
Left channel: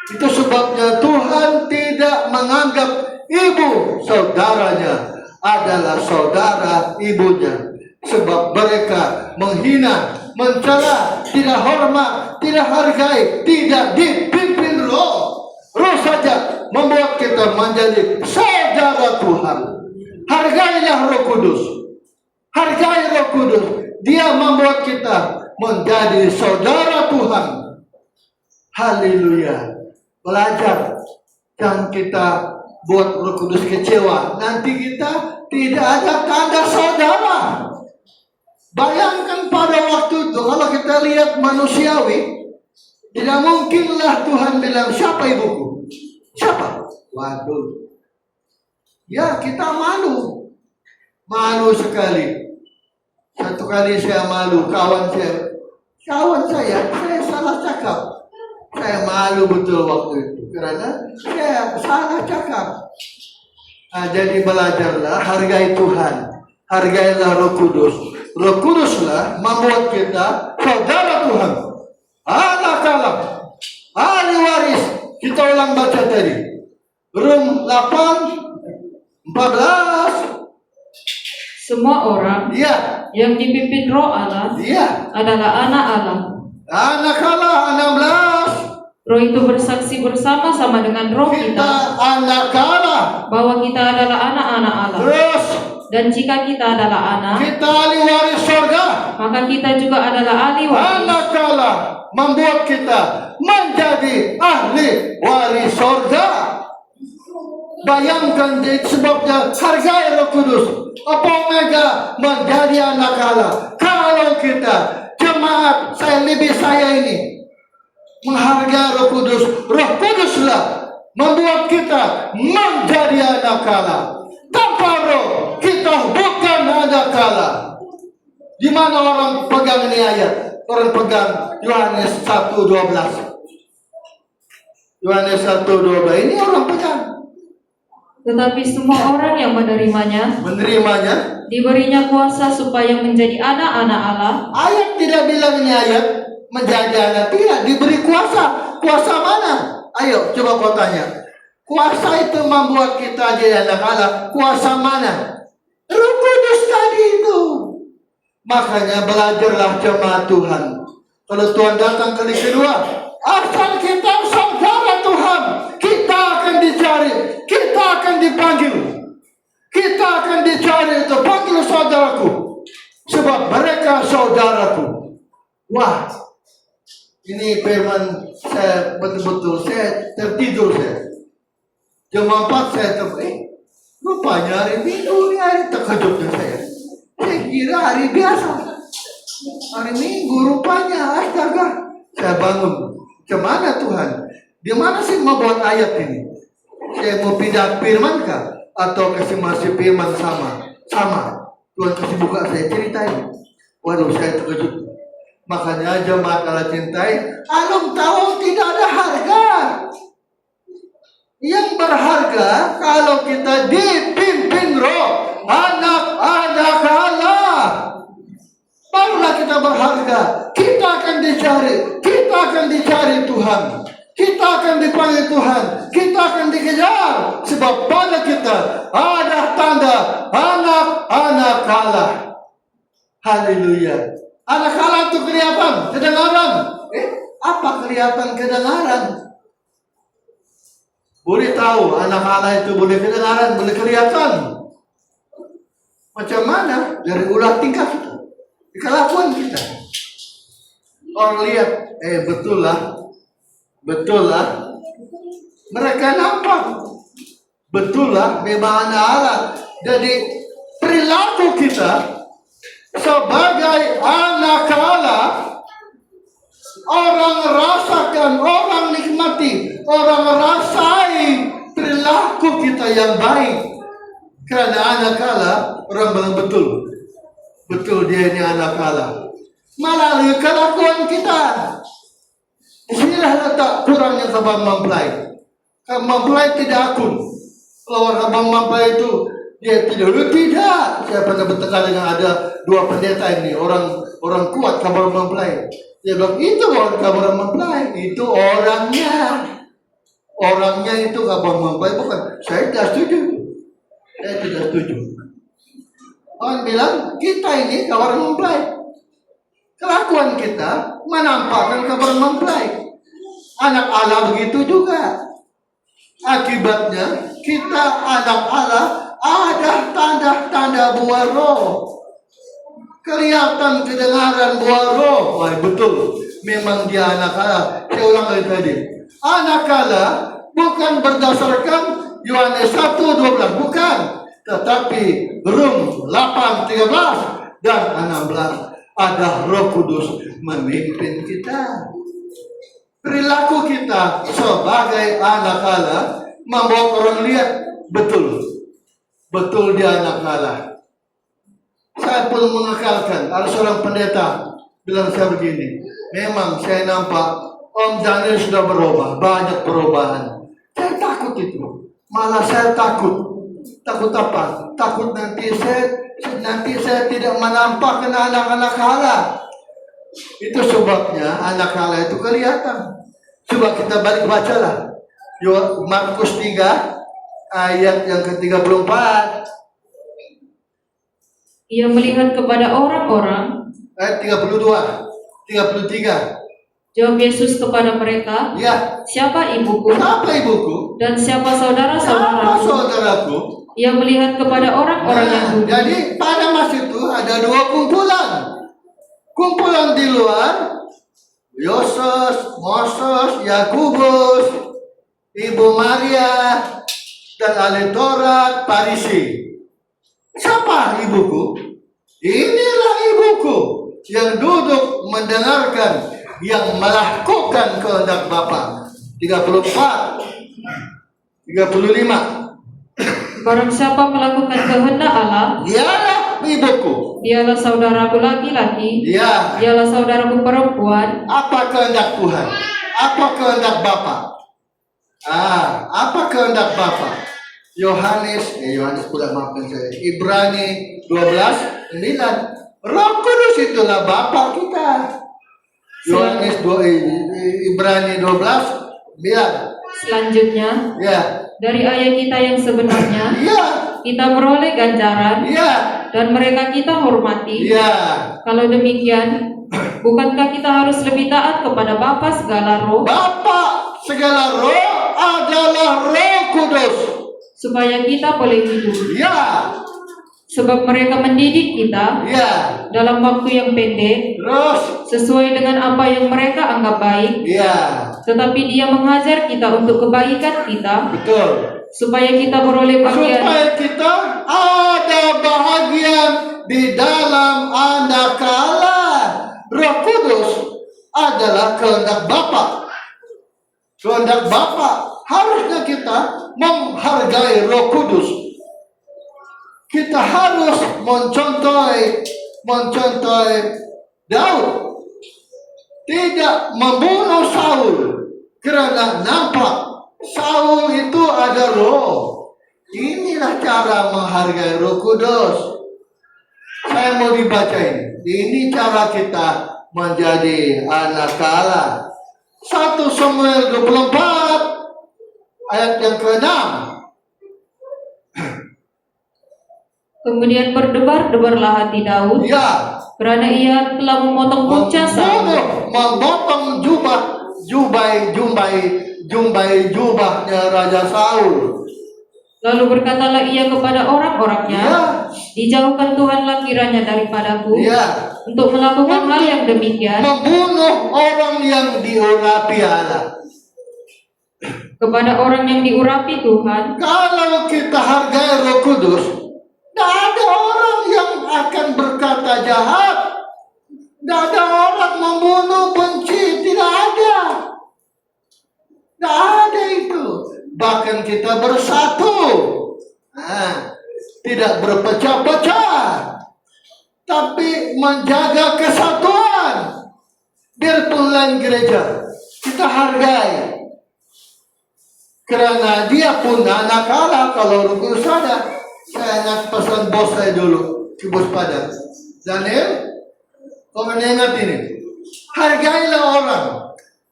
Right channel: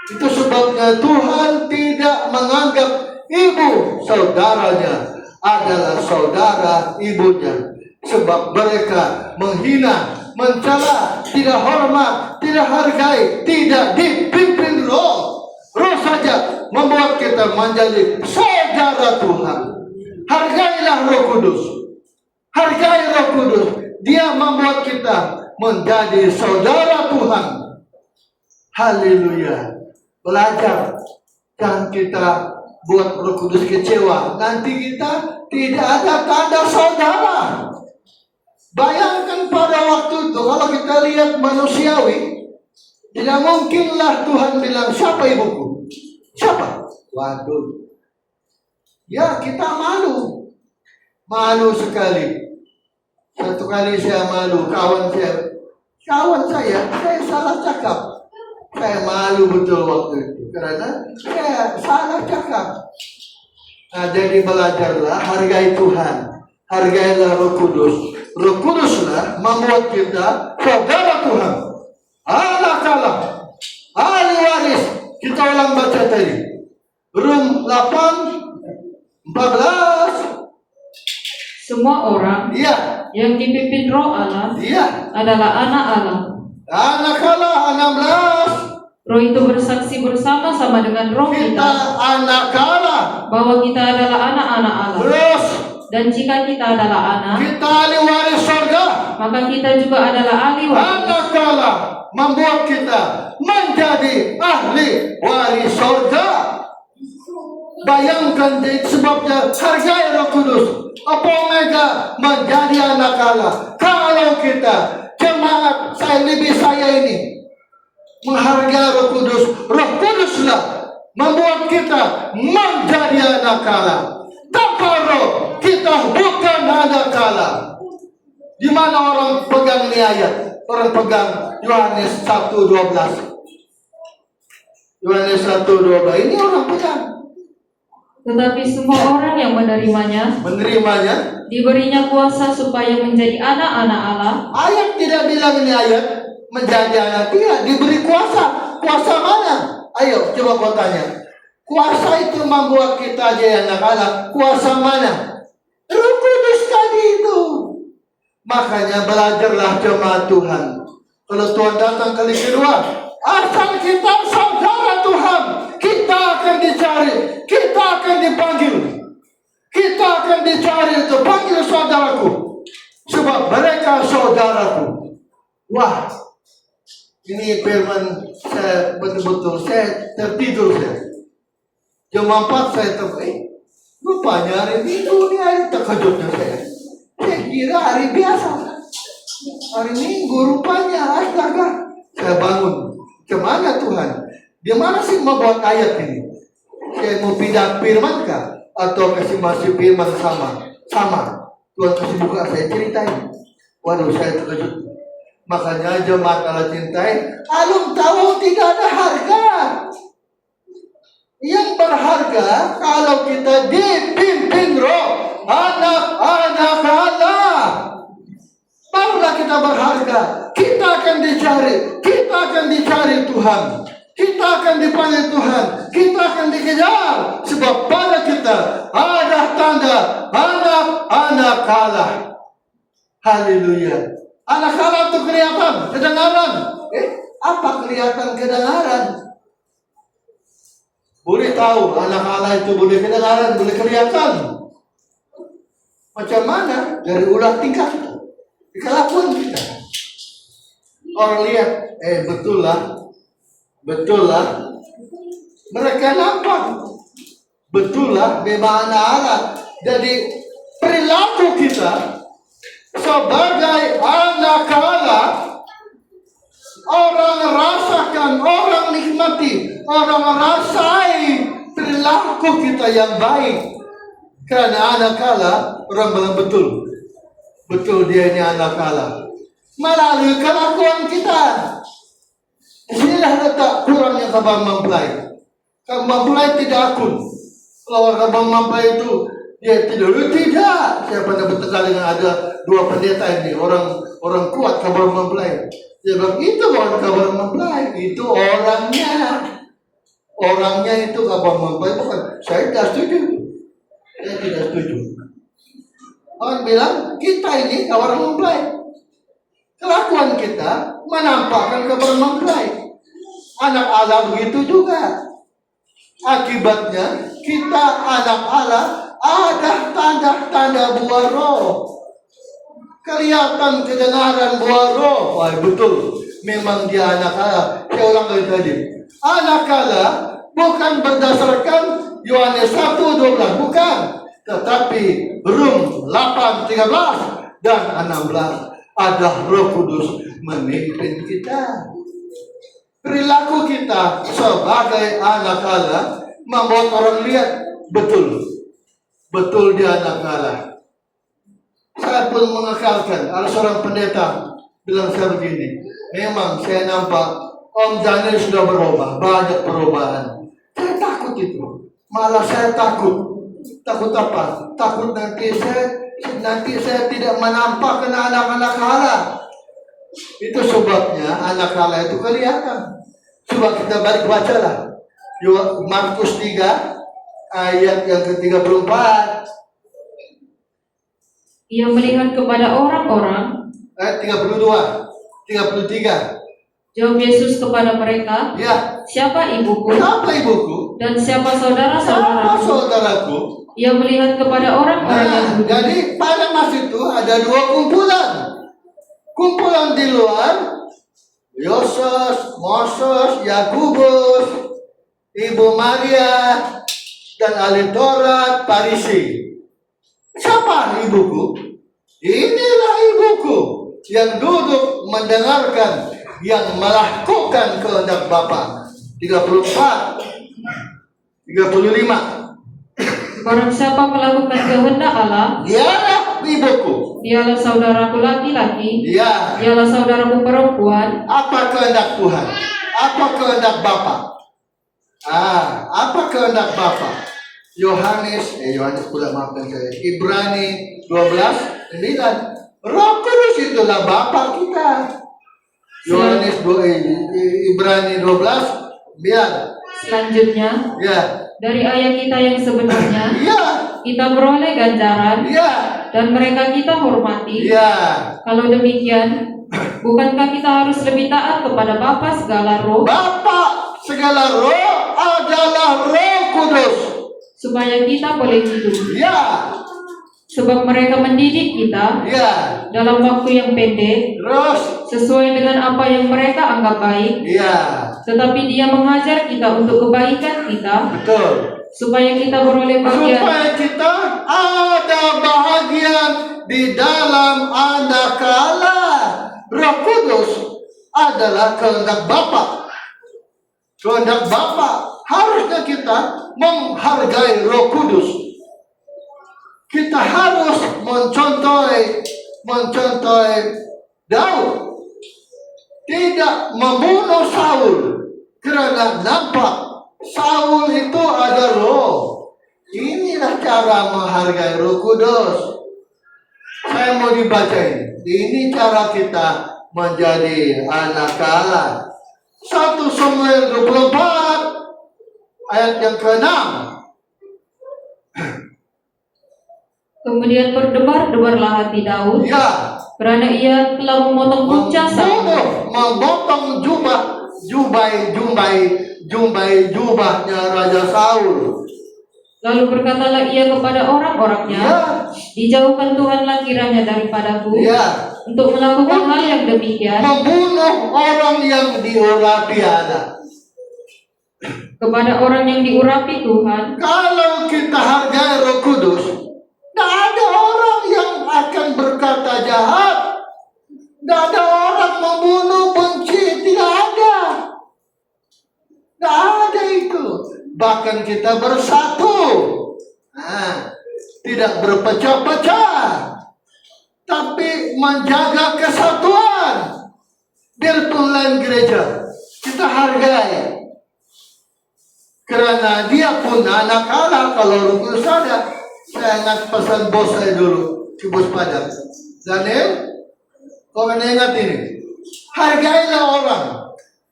itu sebabnya Tuhan tidak menganggap ibu saudaranya adalah saudara ibunya, sebab mereka menghina, mencela, tidak hormat, tidak hargai, tidak dipimpin roh. Roh saja membuat kita menjadi saudara Tuhan. Hargailah Roh Kudus. Hargai Roh Kudus. Dia membuat kita menjadi saudara Tuhan. Haleluya. Belajar. Jangan kita buat Roh Kudus kecewa. Nanti kita tidak ada tanda saudara. Bayangkan pada waktu itu, kalau kita lihat manusiawi, tidak mungkinlah Tuhan bilang, siapa ibuku? Siapa? Waduh. Ya, kita malu. Malu sekali. Satu kali saya malu, kawan saya salah cakap. Saya malu betul waktu itu, karena saya salah cakap. Nah, jadi belajarlah, hargai Tuhan. Hargailah Roh Kudus. Roh Kuduslah membuat kita saudara Tuhan, anak Allah, ahli waris. Kita ulang baca tadi, Rom 8:14. Semua orang Iya, yang dipimpin Roh Allah iya. adalah anak Allah. Anak Allah 16. Roh itu bersaksi bersama-sama dengan roh Kita kita anak Allah. bahwa kita adalah anak-anak Allah. Terus Dan jika kita adalah anak, kita ahli waris surga. maka kita juga adalah ahli waris. Manakala membuat kita menjadi ahli waris surga. Bayangkan sebabnya hargai Roh Kudus. Apa Omega menjadi anak Allah. Kalau kita jemaat saya ini menghargai Roh Kudus, Roh Kuduslah membuat kita menjadi anak Allah. Tanpa Roh kita bukan anak Allah. Di mana orang pegang ini ayat? Orang pegang Yohanes 1:12. Yohanes 1:12 ini orang pegang. Tetapi semua orang yang menerimanya, diberinya kuasa supaya menjadi anak-anak Allah. Ayat tidak bilang ini ayat menjadi anak, tidak diberi kuasa. Kuasa mana? Ayo coba kau tanya. Kuasa itu membuat kita jadi anak Allah. Kuasa mana? Roh Kudus tadi itu. Makanya belajarlah jemaat Tuhan. Kalau Tuhan datang kali kedua, asal kita saudara Tuhan, kita akan dicari, kita akan dipanggil, kita akan dicari untuk panggil saudaraku, sebab mereka saudaraku. Wah, ini firman saya betul-betul saya tertidur saya. Jam 4 saya rupanya hari Minggu ini hari terkejutnya saya. Saya kira hari biasa. Hari Minggu rupanya astaga. Saya bangun. Kemana Tuhan? Di mana sih membuat ayat ini? Saya mau pindah firman kah? Atau kasih masih firman sama? Tuhan kasih buka saya ceritain. Waduh saya terkejut. Makanya jemaat Allah cintai, alum tahu tidak ada harga. Yang berharga kalau kita dipimpin Roh, anak-anak Allah. Barulah kita berharga. Kita akan dicari. Kita akan dicari Tuhan. Kita akan dipanggil Tuhan. Kita akan dikejar. Sebab pada kita ada tanda anak-anak Allah. Haleluya. Anak Allah itu kelihatan, kedengaran. Apa kelihatan kedengaran? Boleh tahu anak Allah itu boleh kedengaran, boleh kelihatan. Macam mana? Dari ulah tingkah kita. Di kelakuan kita. Orang lihat, betul lah. Mereka nampak. Betul lah, memang anak Allah. Jadi perilaku kita sebagai anak Allah, orang rasakan, orang nikmati, orang rasai perilaku kita yang baik. Karena anak Allah, orang bilang betul dia ini anak Allah. Melalui kelakuan kita. Disinilah letak kurangnya kabar mempelai. Kabar mempelai tidak akun. Kalau orang kabar mempelai itu dia tidak. Saya pernah bertengkar dengan ada dua pendeta ini, orang kuat kabar mempelai. Dia bilang itu bukan kabar mempelai, itu orangnya. Orangnya itu kabar mempelai bukan. Saya tidak setuju. Orang bilang kita ini kabar mempelai. Kelakuan kita menampakkan kabar mempelai. Anak Allah begitu juga. Akibatnya kita anak Allah ada tanda-tanda buah roh. Kelihatan kedengaran buah roh. Wah, betul. Memang dia anak Allah. Saya ulang lagi tadi. Anak Allah bukan berdasarkan Yohanes 1:12. Bukan. Tetapi Rum 8:13 dan 16. Ada Roh Kudus memimpin kita. Perilaku kita sebagai anak Allah membuat orang lihat betul dia anak Allah. Saya pun mengekalkan. Ada seorang pendeta bilang saya begini, memang saya nampak Om Daniel sudah berubah, banyak perubahan. Saya takut itu. Malah saya takut. Takut apa? Takut nanti saya tidak menampakkan anak-anak Allah. Itu sebabnya anak Allah itu kelihatan. Coba kita balik bacalah. Markus 3 ayat yang ke-34. Ia melihat kepada orang-orang. Ayat 33. Jawab Yesus kepada mereka, Ya. siapa ibuku? Siapa ibuku? Dan siapa Siapa saudara-saudaraku? saudaraku? Ia melihat kepada orang-orang yang Nah, bodoh. jadi pada masa itu ada dua kumpulan. Kumpulan di luar, Yoses, Moses, Yakubus, Ibu Maria, dan ahli Taurat, Farisi. Siapa ibuku? Inilah ibuku yang duduk mendengarkan, yang melakukan kehendak Bapa. 34, 35. Barang siapa melakukan kehendak Allah, Dialah ibuku. dialah saudaraku laki-laki, Dia. dialah saudaraku perempuan. Apa kehendak Tuhan? Apa kehendak Bapa? Apa kehendak Bapa? Yohanes pula, maafkan saya. Ibrani 12:9. Roh Kudus itulah Bapa kita. Ibrani 12:9. Selanjutnya, Ya, dari ayah kita yang sebenarnya, iya, kita beroleh ganjaran, iya, dan mereka kita hormati. iya. Kalau demikian, bukankah kita harus lebih taat kepada Bapa segala roh, Bapa segala roh adalah Roh Kudus. supaya kita boleh hidup? Ya, Sebab mereka mendidik kita ya. dalam waktu yang pendek, Terus, sesuai dengan apa yang mereka anggap baik. ya, Tetapi Dia mengajar kita untuk kebaikan kita, betul. supaya kita beroleh bagian. Supaya kita ada bahagian di dalam Anak Allah. Roh Kudus adalah kehendak Bapa. Kehendak Bapa. Harusnya kita menghargai Roh Kudus. Kita harus mencontohi Daud. Tidak membunuh Saul karena nampak Saul itu ada roh. Inilah cara menghargai Roh Kudus. Saya mau dibaca ini. Ini cara kita menjadi anak Allah. 1 Samuel 24 ayat yang ke-6. Kemudian berdebar-debarlah hati Daud, Ya, karena ia telah memotong punca Saul. memotong jubahnya Raja Saul. Lalu berkatalah ia kepada orang-orangnya, Ya, dijauhkan Tuhanlah kiranya daripadaku, ya. untuk melakukan hal yang demikian Membunuh orang yang diurapi Allah. kepada orang yang diurapi Tuhan. Kalau kita hargai Roh Kudus, tidak ada orang yang akan berkata jahat. Tidak ada orang membunuh, benci. Tidak ada. Tidak ada itu. Bahkan kita bersatu. Tidak berpecah-pecah. Tapi menjaga kesatuan. Biarpun lain gereja, kita hargai. Karena dia pun anak Allah. Kalau Roh Kudus ada. Saya ingat pesan bos saya dulu, si bos Padang. Daniel, kau kan ingat ini. Hargailah orang,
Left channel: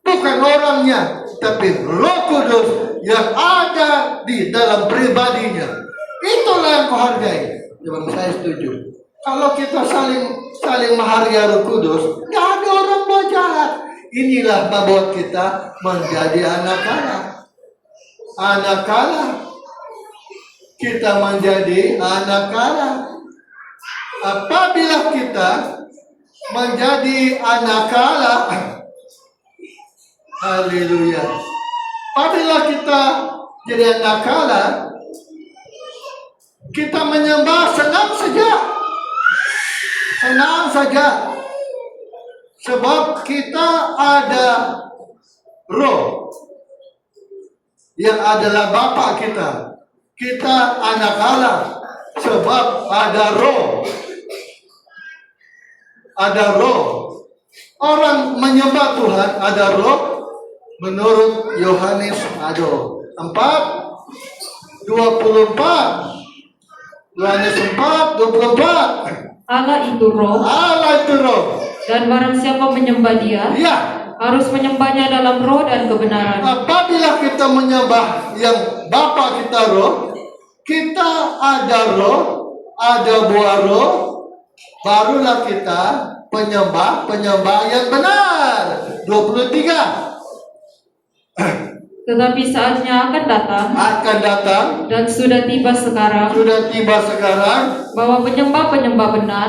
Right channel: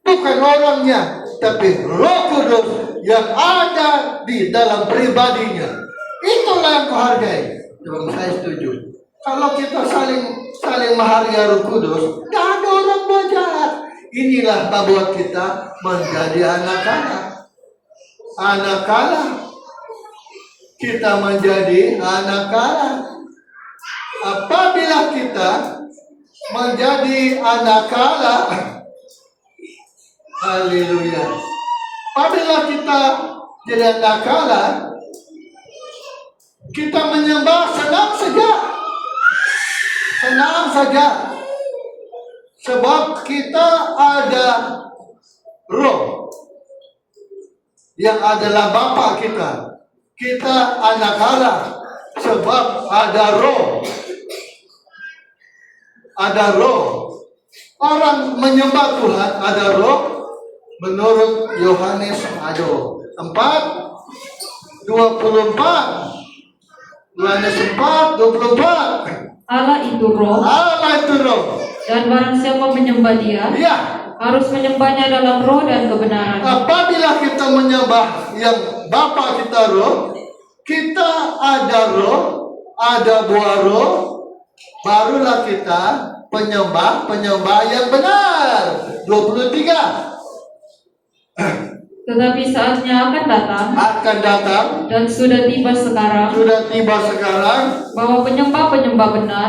bukan orangnya, tapi Roh Kudus yang ada di dalam pribadinya. Itulah yang kau hargai. Memang saya setuju. Kalau kita saling menghargai Roh Kudus, tidak ada orang mau jahat. Inilah membuat kita menjadi anak Allah. Anak Allah. Kita menjadi anak Allah. Apabila kita menjadi anak Allah, haleluya. Apabila kita jadi anak Allah, kita menyembah senang saja. Senang saja. Sebab kita ada roh yang adalah Bapa kita. Kita anak Allah sebab ada roh. Ada roh. Orang menyembah Tuhan ada roh. Menurut Yohanes ada 4:24. Yohanes 4:24. Allah itu roh, Allah itu roh. dan barang siapa menyembah Dia, Iya. harus menyembahnya dalam roh dan kebenaran. Apabila kita menyembah yang Bapa kita roh, kita ada roh, ada buah roh, barulah kita penyembah yang benar. 23. Tetapi saatnya akan datang dan sudah tiba sekarang bahwa penyembah-penyembah benar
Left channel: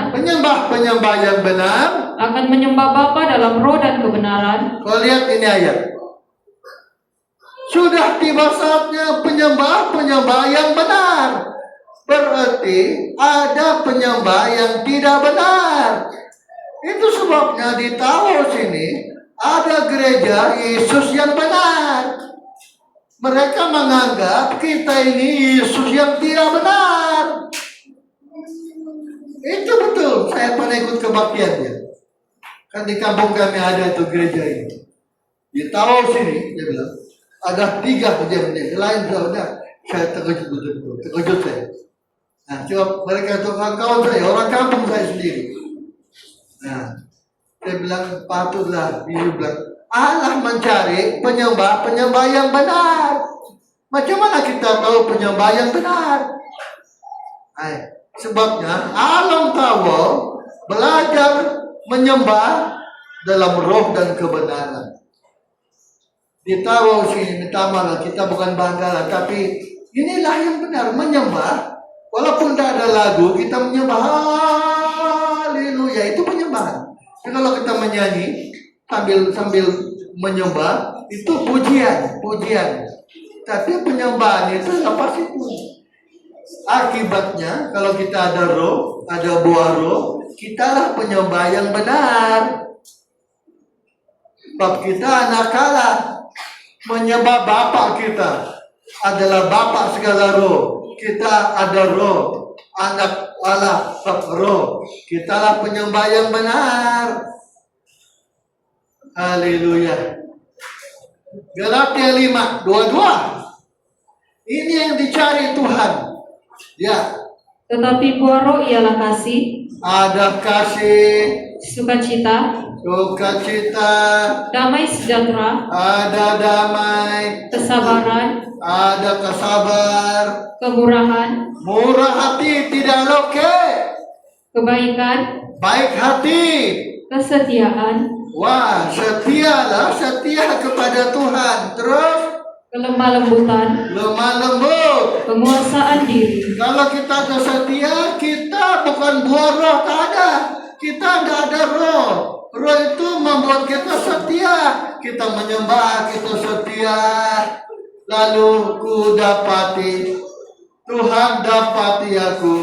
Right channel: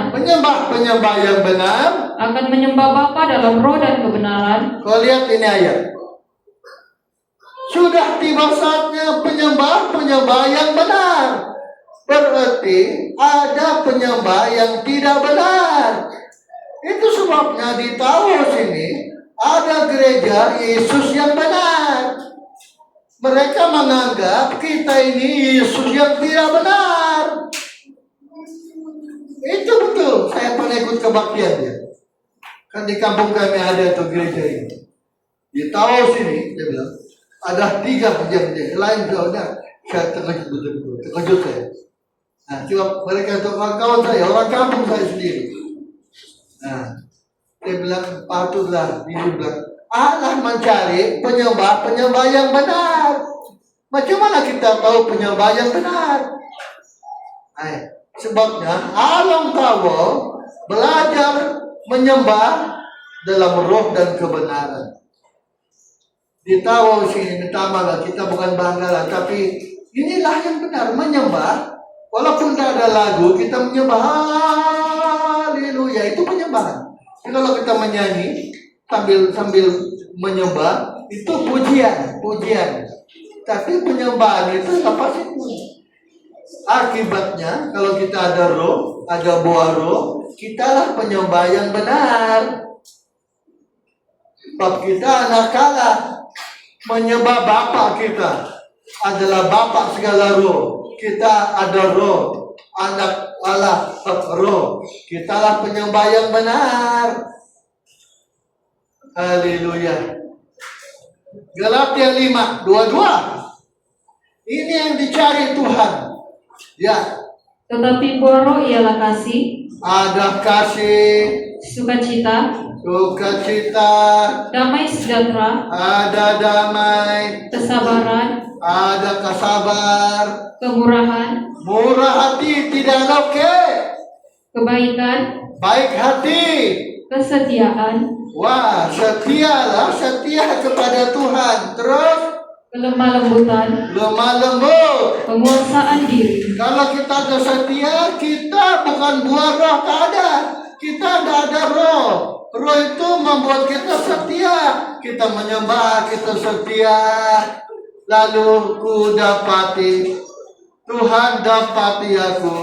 penyembah yang benar. akan menyembah Bapa dalam roh dan kebenaran. Kau lihat ini ayat. Sudah tiba saatnya penyembah yang benar. Berarti ada penyembah yang tidak benar. Itu sebabnya di Taos ini ada gereja Yesus yang benar. Mereka menganggap kita ini Yesus yang tidak benar. Itu betul. Saya pernah ikut kebaktian dia. Kan di kampung kami ada tuh gereja ini. Di Taos ini dia bilang ada 3 gereja lain udah. Saya terkejut betul. Terkejut saya. Nah, coba mereka itu kawan saya, orang kampung saya sendiri. Nah, saya bilang patutlah, dia bilang Allah mencari penyembah yang benar. Macam mana kita tahu penyembah yang benar? Sebabnya alam tahu belajar menyembah dalam roh dan kebenaran. Ditaruh sini, minta maaf, kita bukan bangga, tapi inilah yang benar, menyembah. Walaupun tidak ada lagu, kita menyembah haleluya, itu penyembahan. Kalau kita menyanyi sambil menyembah, itu pujian. Tapi penyembahan itu lepas itu. Akibatnya kalau kita ada roh, ada buah roh, kitalah penyembah yang benar. Sebab kita anak Allah, menyembah Bapa kita adalah Bapa segala roh. Kita ada roh, anak Allah roh. Kitalah penyembah yang benar. Haleluya. Galatia 5:22. Ini yang dicari Tuhan. Ya. Tetapi buah roh ialah kasih, Ada kasih, sukacita, damai sejahtera, ada damai, kesabaran, ada kesabar, kemurahan, murah hati, tidak loke, kebaikan, baik hati. kesetiaan, Wah, setia kepada Tuhan. Terus kelemah lembutan, lemah lembut. penguasaan diri. Kalau kita setia, kita bukan buah roh, tak ada. Kita tidak ada roh. Roh itu membuat kita setia. Kita menyembah, kita setia. Lalu ku dapati, Tuhan dapati aku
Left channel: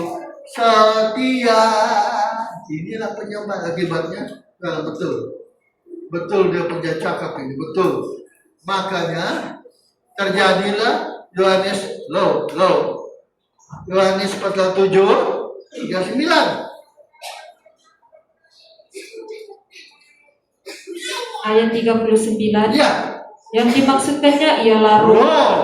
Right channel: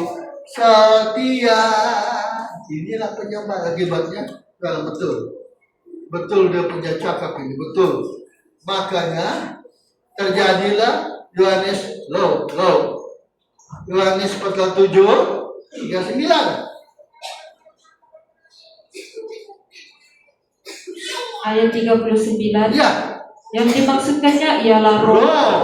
setia. Inilah penyembah akibatnya. Kalau betul dia punya cakap ini, betul. Makanya terjadilah Yohanes pasal 7:39. Ayat 39. Ya, Yang dimaksudkannya ialah roh roh.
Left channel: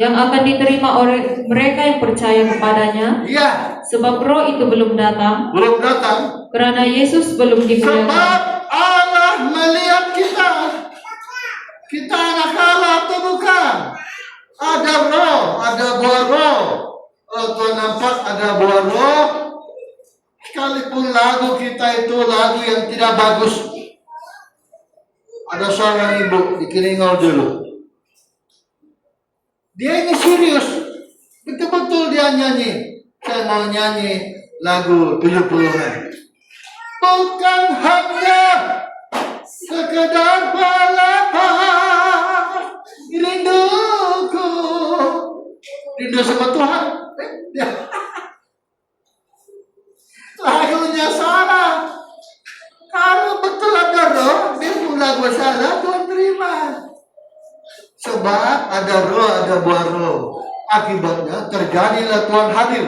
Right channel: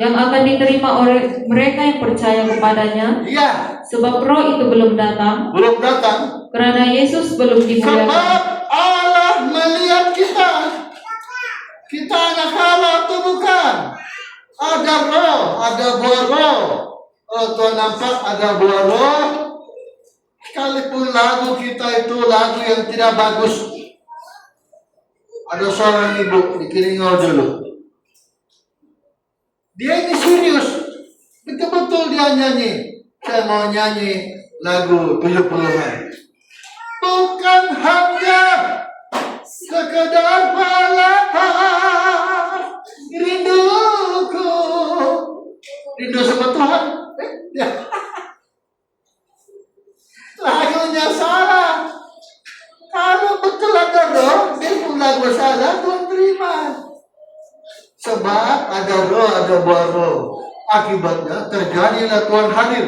yang akan diterima oleh mereka yang percaya kepadanya. Ya, Sebab roh itu belum datang, belum datang. karena Yesus belum dimuliakan. Sebab Allah melihat kita. Kita anak Allah atau bukan? Ada roh, ada buah roh. Oh, Tuhan nampak ada buah roh. Sekalipun lagu kita itu lagu yang tidak bagus. Ada seorang ibu di Kiringau dulu. Dia ini serius. Betul-betul dia nyanyi. Saya mau nyanyi lagu 70-an. Bukan hanya sekedar balapan rinduku. Rindu sama Tuhan. Lagunya salah. Kalau betul ada roh, dia pun lagu salah, Tuhan terima. Sebab ada roh, ada buah roh. Akibatnya terjadilah Tuhan hadir.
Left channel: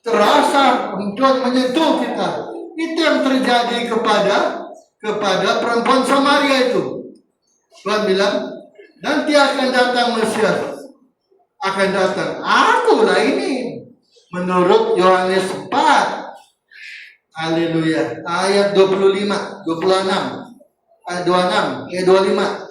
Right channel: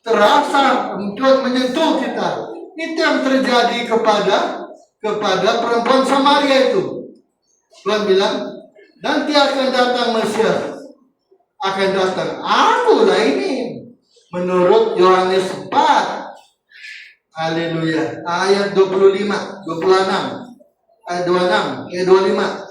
Terasa Tuhan menyentuh kita. Itu yang terjadi kepada perempuan Samaria itu. Tuhan bilang, nanti akan datang Mesias. Akan datang. Akulah ini. Menurut Yohanes 4. Haleluya. Ayat 25, 26. Ayat 26, ayat 25.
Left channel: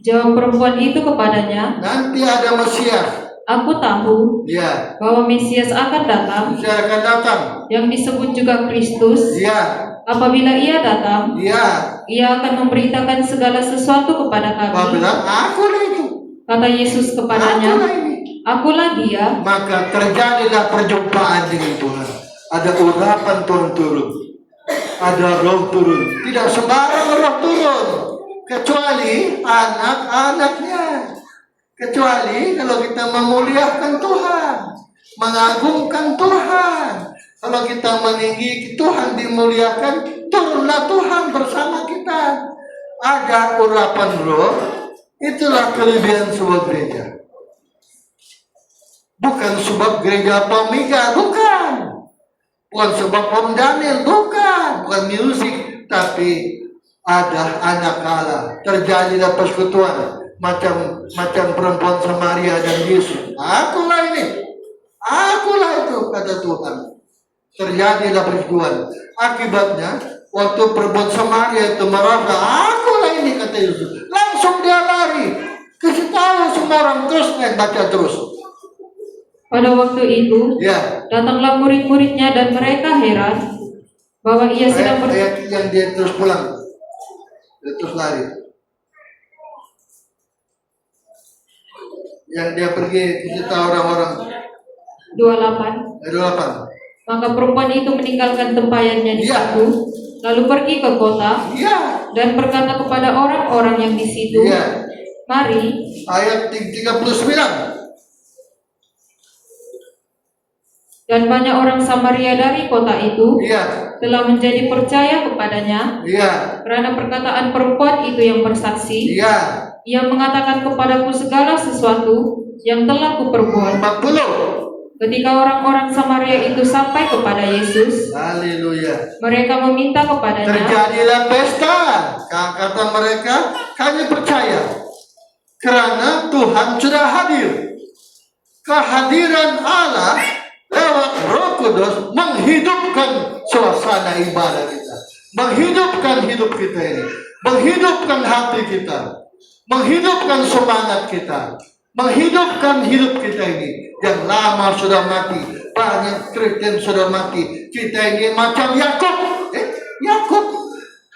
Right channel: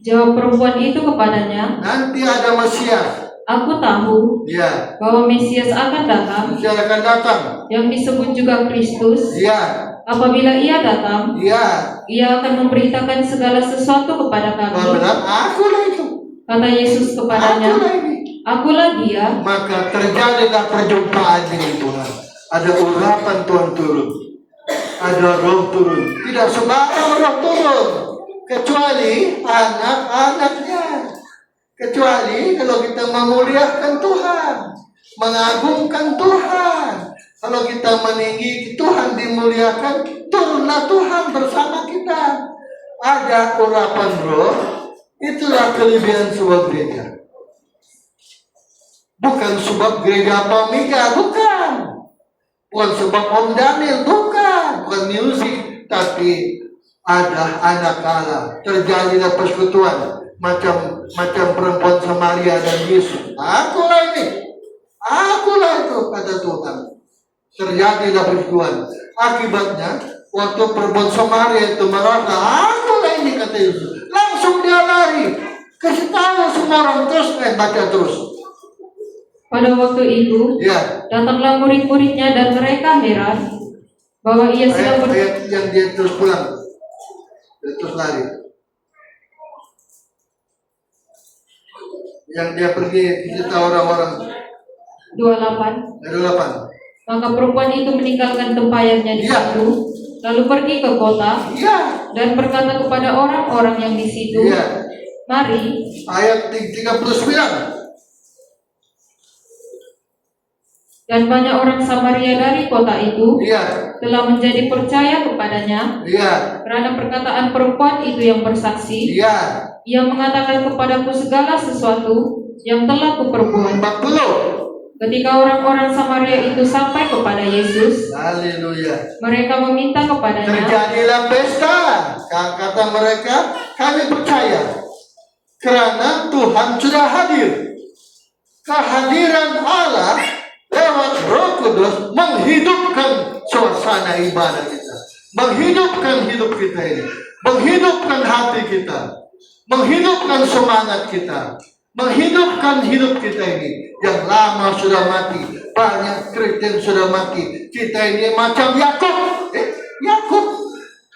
Jawab perempuan itu kepadanya, Nanti ada Mesias. aku tahu Ya. bahwa Mesias akan datang, Mesias akan datang. yang disebut juga Kristus. Ya. Apabila ia datang, Ya. ia akan memberitakan segala sesuatu kepada Kau kami. bilang, akulah itu. Kata Yesus kepadanya, Akulah ini. "Akulah dia." Maka terjadilah perjumpaan dengan Tuhan. Ada urapan Tuhan turun. Ada roh turun. Tidak sembarang roh turun. Kecuali anak-anaknya. Kecuali kalau kita memuliakan Tuhan. Mengagungkan Tuhan. Kalau kita meninggi Tuhan dimuliakan, turunlah Tuhan bersama kita. Ada urapan roh. Itulah kelebihan sebuah gereja. Bukan sebab gereja Pamiga, bukan. Bukan sebab Om Daniel, bukan. Bukan musik, tapi ada anak Allah. Terjadilah persekutuan macam perempuan Samaria dan Yesus. Akulah ini, akulah itu, kata Tuhan. Terjadilah persekutuan. Akibatnya, waktu perempuan Samaria itu merasa, akulah ini, kata Yesus. Langsung dia lari. Kasih tahu semua orang, terus baca terus. Pada waktu itu, Ya. datanglah murid-muridnya dan mereka heran bahwa ia sedang Ayat yang dia terus pulang, dia terus lari. Yang dia pergi cerita orang-orang 28. dari 8. Maka perempuan itu meninggalkan tempayannya di Iya. situ, lalu pergi ke kota Iya, dan berkata kepada orang-orang yang di situ, iya. "Mari, Ayat 39. dan banyak orang Samaria dari kota itu Iya, telah menjadi percaya kepadanya iya, karena perkataan perempuan itu yang bersaksi. iya. Ia mengatakan kepadaku segala sesuatu yang telah kuperbuat." 40. Ketika orang-orang Samaria itu sampai kepada Yesus, Haleluya. mereka meminta kepadanya, Terjadilah pesta. Kata mereka, kami percaya karena Tuhan sudah hadir. Kehadiran Allah lewat Roh Kudus menghidupkan suasana ibadah kita, menghidupkan hidup kita ini, menghidupkan hati kita, menghidupkan semangat kita, menghidupkan hidup kita ini. Yang lama sudah mati, banyak Kristen sudah mati. Kita ini macam Yakub. Yakub,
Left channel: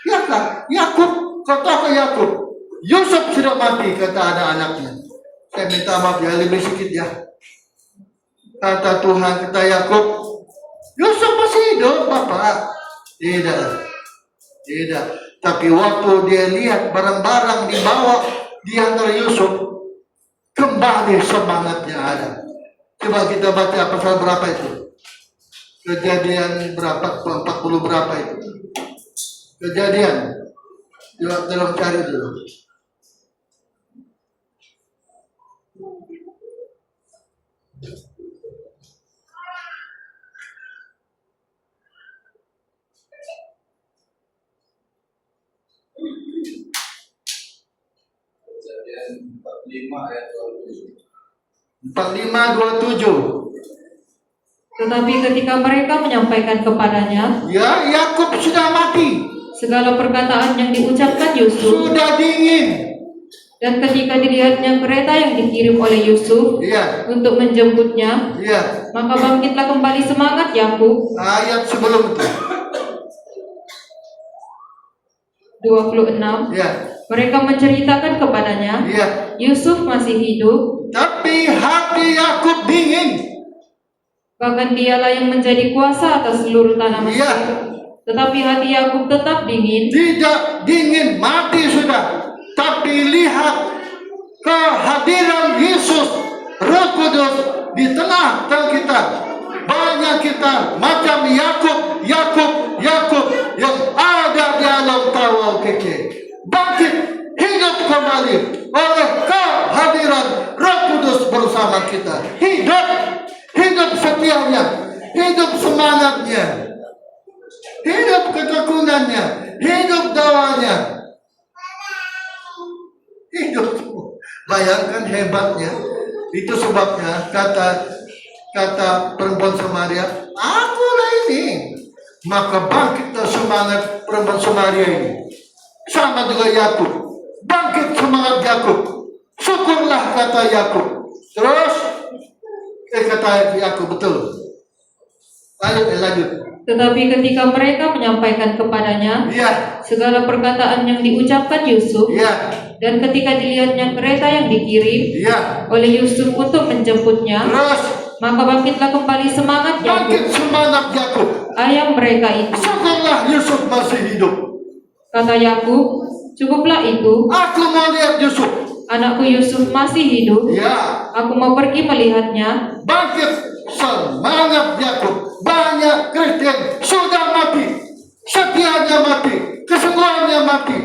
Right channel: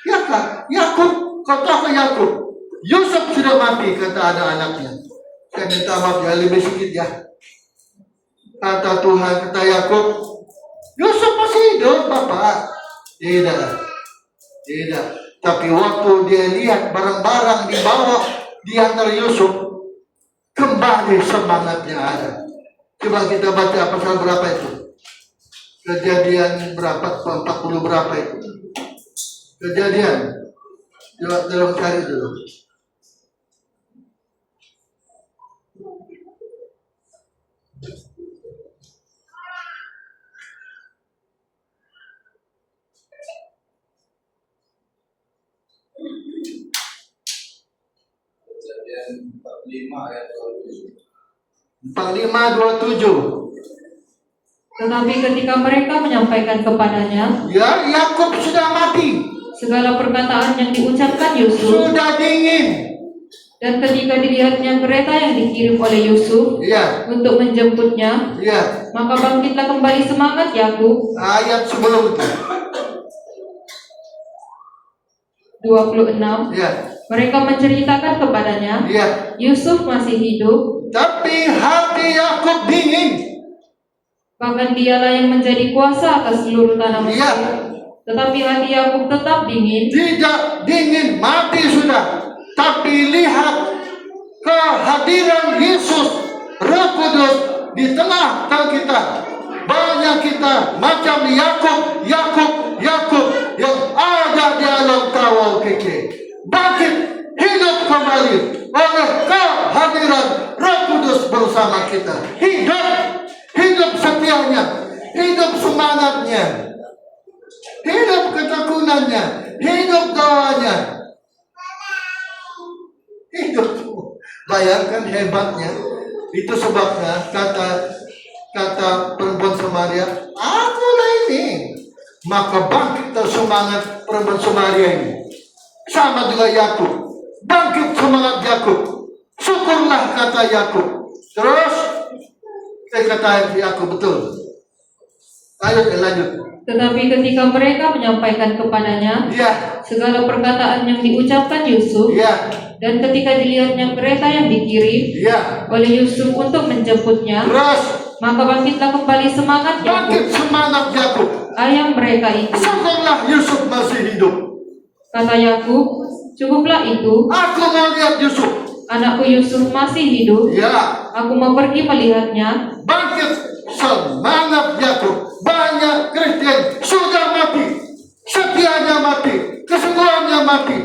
ya kak, Yakub, kata Yakub. Yusuf sudah mati, kata anak-anaknya. Saya minta maaf ya, lebih sedikit ya. Kata Tuhan, kata Yakub, Yusuf masih hidup, Bapak. Tidak. Tapi waktu dia lihat barang-barang dibawa di antara Yusuf, kembali semangatnya ada. Coba kita baca pasal berapa itu? Kejadian berapa? 40 berapa itu? Kejadian. Dalam cari dulu. Kejadian 45 ayat 27. 45:27. tetapi ketika mereka menyampaikan kepadanya Ya, Yakub sudah mati, segala perkataan yang diucapkan Yusuf, sudah dingin. dan ketika dilihatnya kereta yang dikirim oleh Yusuf Iya, untuk menjemputnya, iya. maka bangkitlah kembali semangat Yakub. Ayat sebelum itu. 26. Iya, Mereka menceritakan kepadanya, iya. Yusuf masih hidup, Tapi hati Yakub dingin. bahkan dialah yang menjadi kuasa atas seluruh tanah Mesir. Iya. Tetapi hati Yakub tetap dingin. Tidak dingin, mati sudah. Tapi lihat kehadiran Yesus, Roh Kudus di tengah kita. Banyak kita macam Yakub yang ada di alam kawal keke. Bangkit, hidup kembali oleh kehadiran Roh Kudus bersama kita. Hidup setianya, hidup semangatnya, hidup ketekunannya, hidup doanya. Hidup. Bayangkan hebatnya. Itu sebabnya kata perempuan Samaria, akulah ini. Maka bangkitlah semangat perempuan Samaria ini. Sama dengan Yakub. Bangkit semangat Yakub. Syukurlah, kata Yakub. Terus kata Yakub, betul. Lanjut. Tetapi ketika mereka menyampaikan kepadanya Iya, segala perkataan yang diucapkan Yusuf, iya, dan ketika dilihatnya kereta yang dikirim iya. oleh Yusuf untuk menjemputnya, Terus maka bangkitlah kembali semangat bangkit Yakub, semangat Yakub. ayah mereka itu. Setelah Yusuf masih hidup, Kata Yakub, cukuplah itu, aku mau lihat Yusuf. anakku Yusuf masih hidup, Ya, aku mau pergi melihatnya. bangkit semangat Yakub. Banyak Kristen sudah mati, setianya mati, kesungguhannya mati,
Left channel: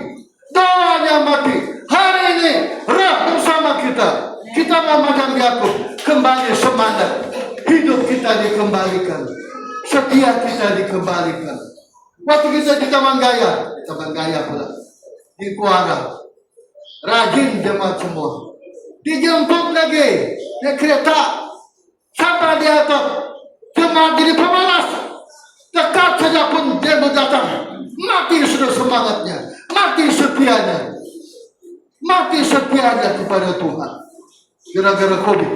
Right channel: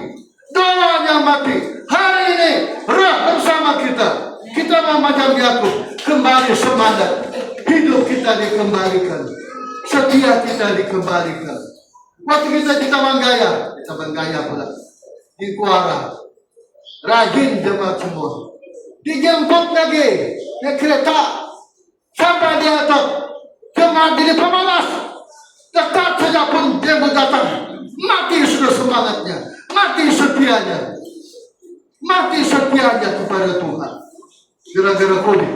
doanya mati. Hari ini roh bersama kita. Kita mau macam Yakub, kembali semangat. Hidup kita dikembalikan, setia kita dikembalikan. Waktu kita di Taman Gaya pula, di Kuara, rajin jemaat semua. Dijemput lagi naik kereta sampai di atas. Jemaat jadi pemalas. Dekat saja pun dia datang. Mati sudah semangatnya, mati setianya, kepada Tuhan. Gara-gara COVID.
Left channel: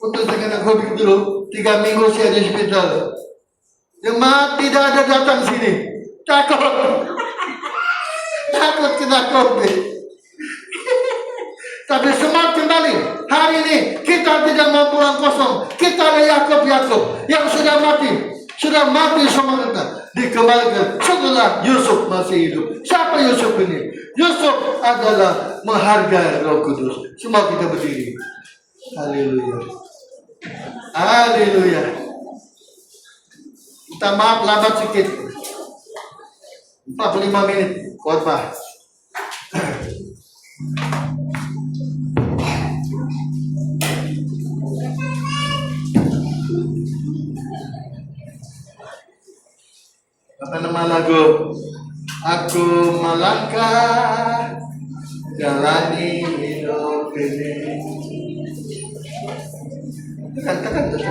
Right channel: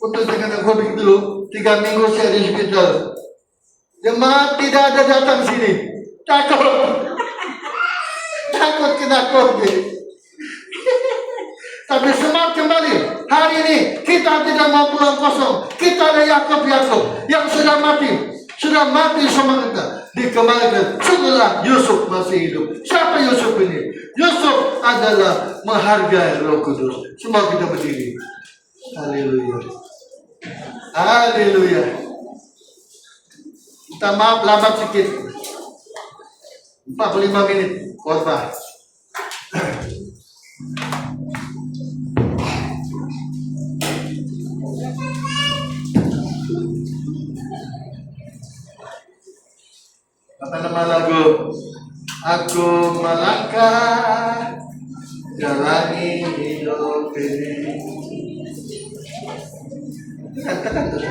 Untuk dengan COVID dulu 3 minggu saya di hospital. Jemaat tidak ada datang sini. Takut kena COVID. Tapi semangat kembali. Hari ini kita tidak mau pulang kosong. Kita ada Yakub yang sudah mati semangatnya. Dikembalikan setelah Yusuf masih hidup. Siapa Yusuf ini? Yusuf adalah menghargai Roh Kudus. Semua kita berdiri. Haleluya. Haleluya. Minta maaf lambat sedikit. 45 menit khotbah. Apa nama lagu? Aku melangkah jalani hidup ini. Katakan terus.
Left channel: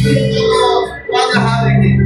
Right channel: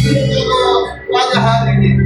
Pada hari ini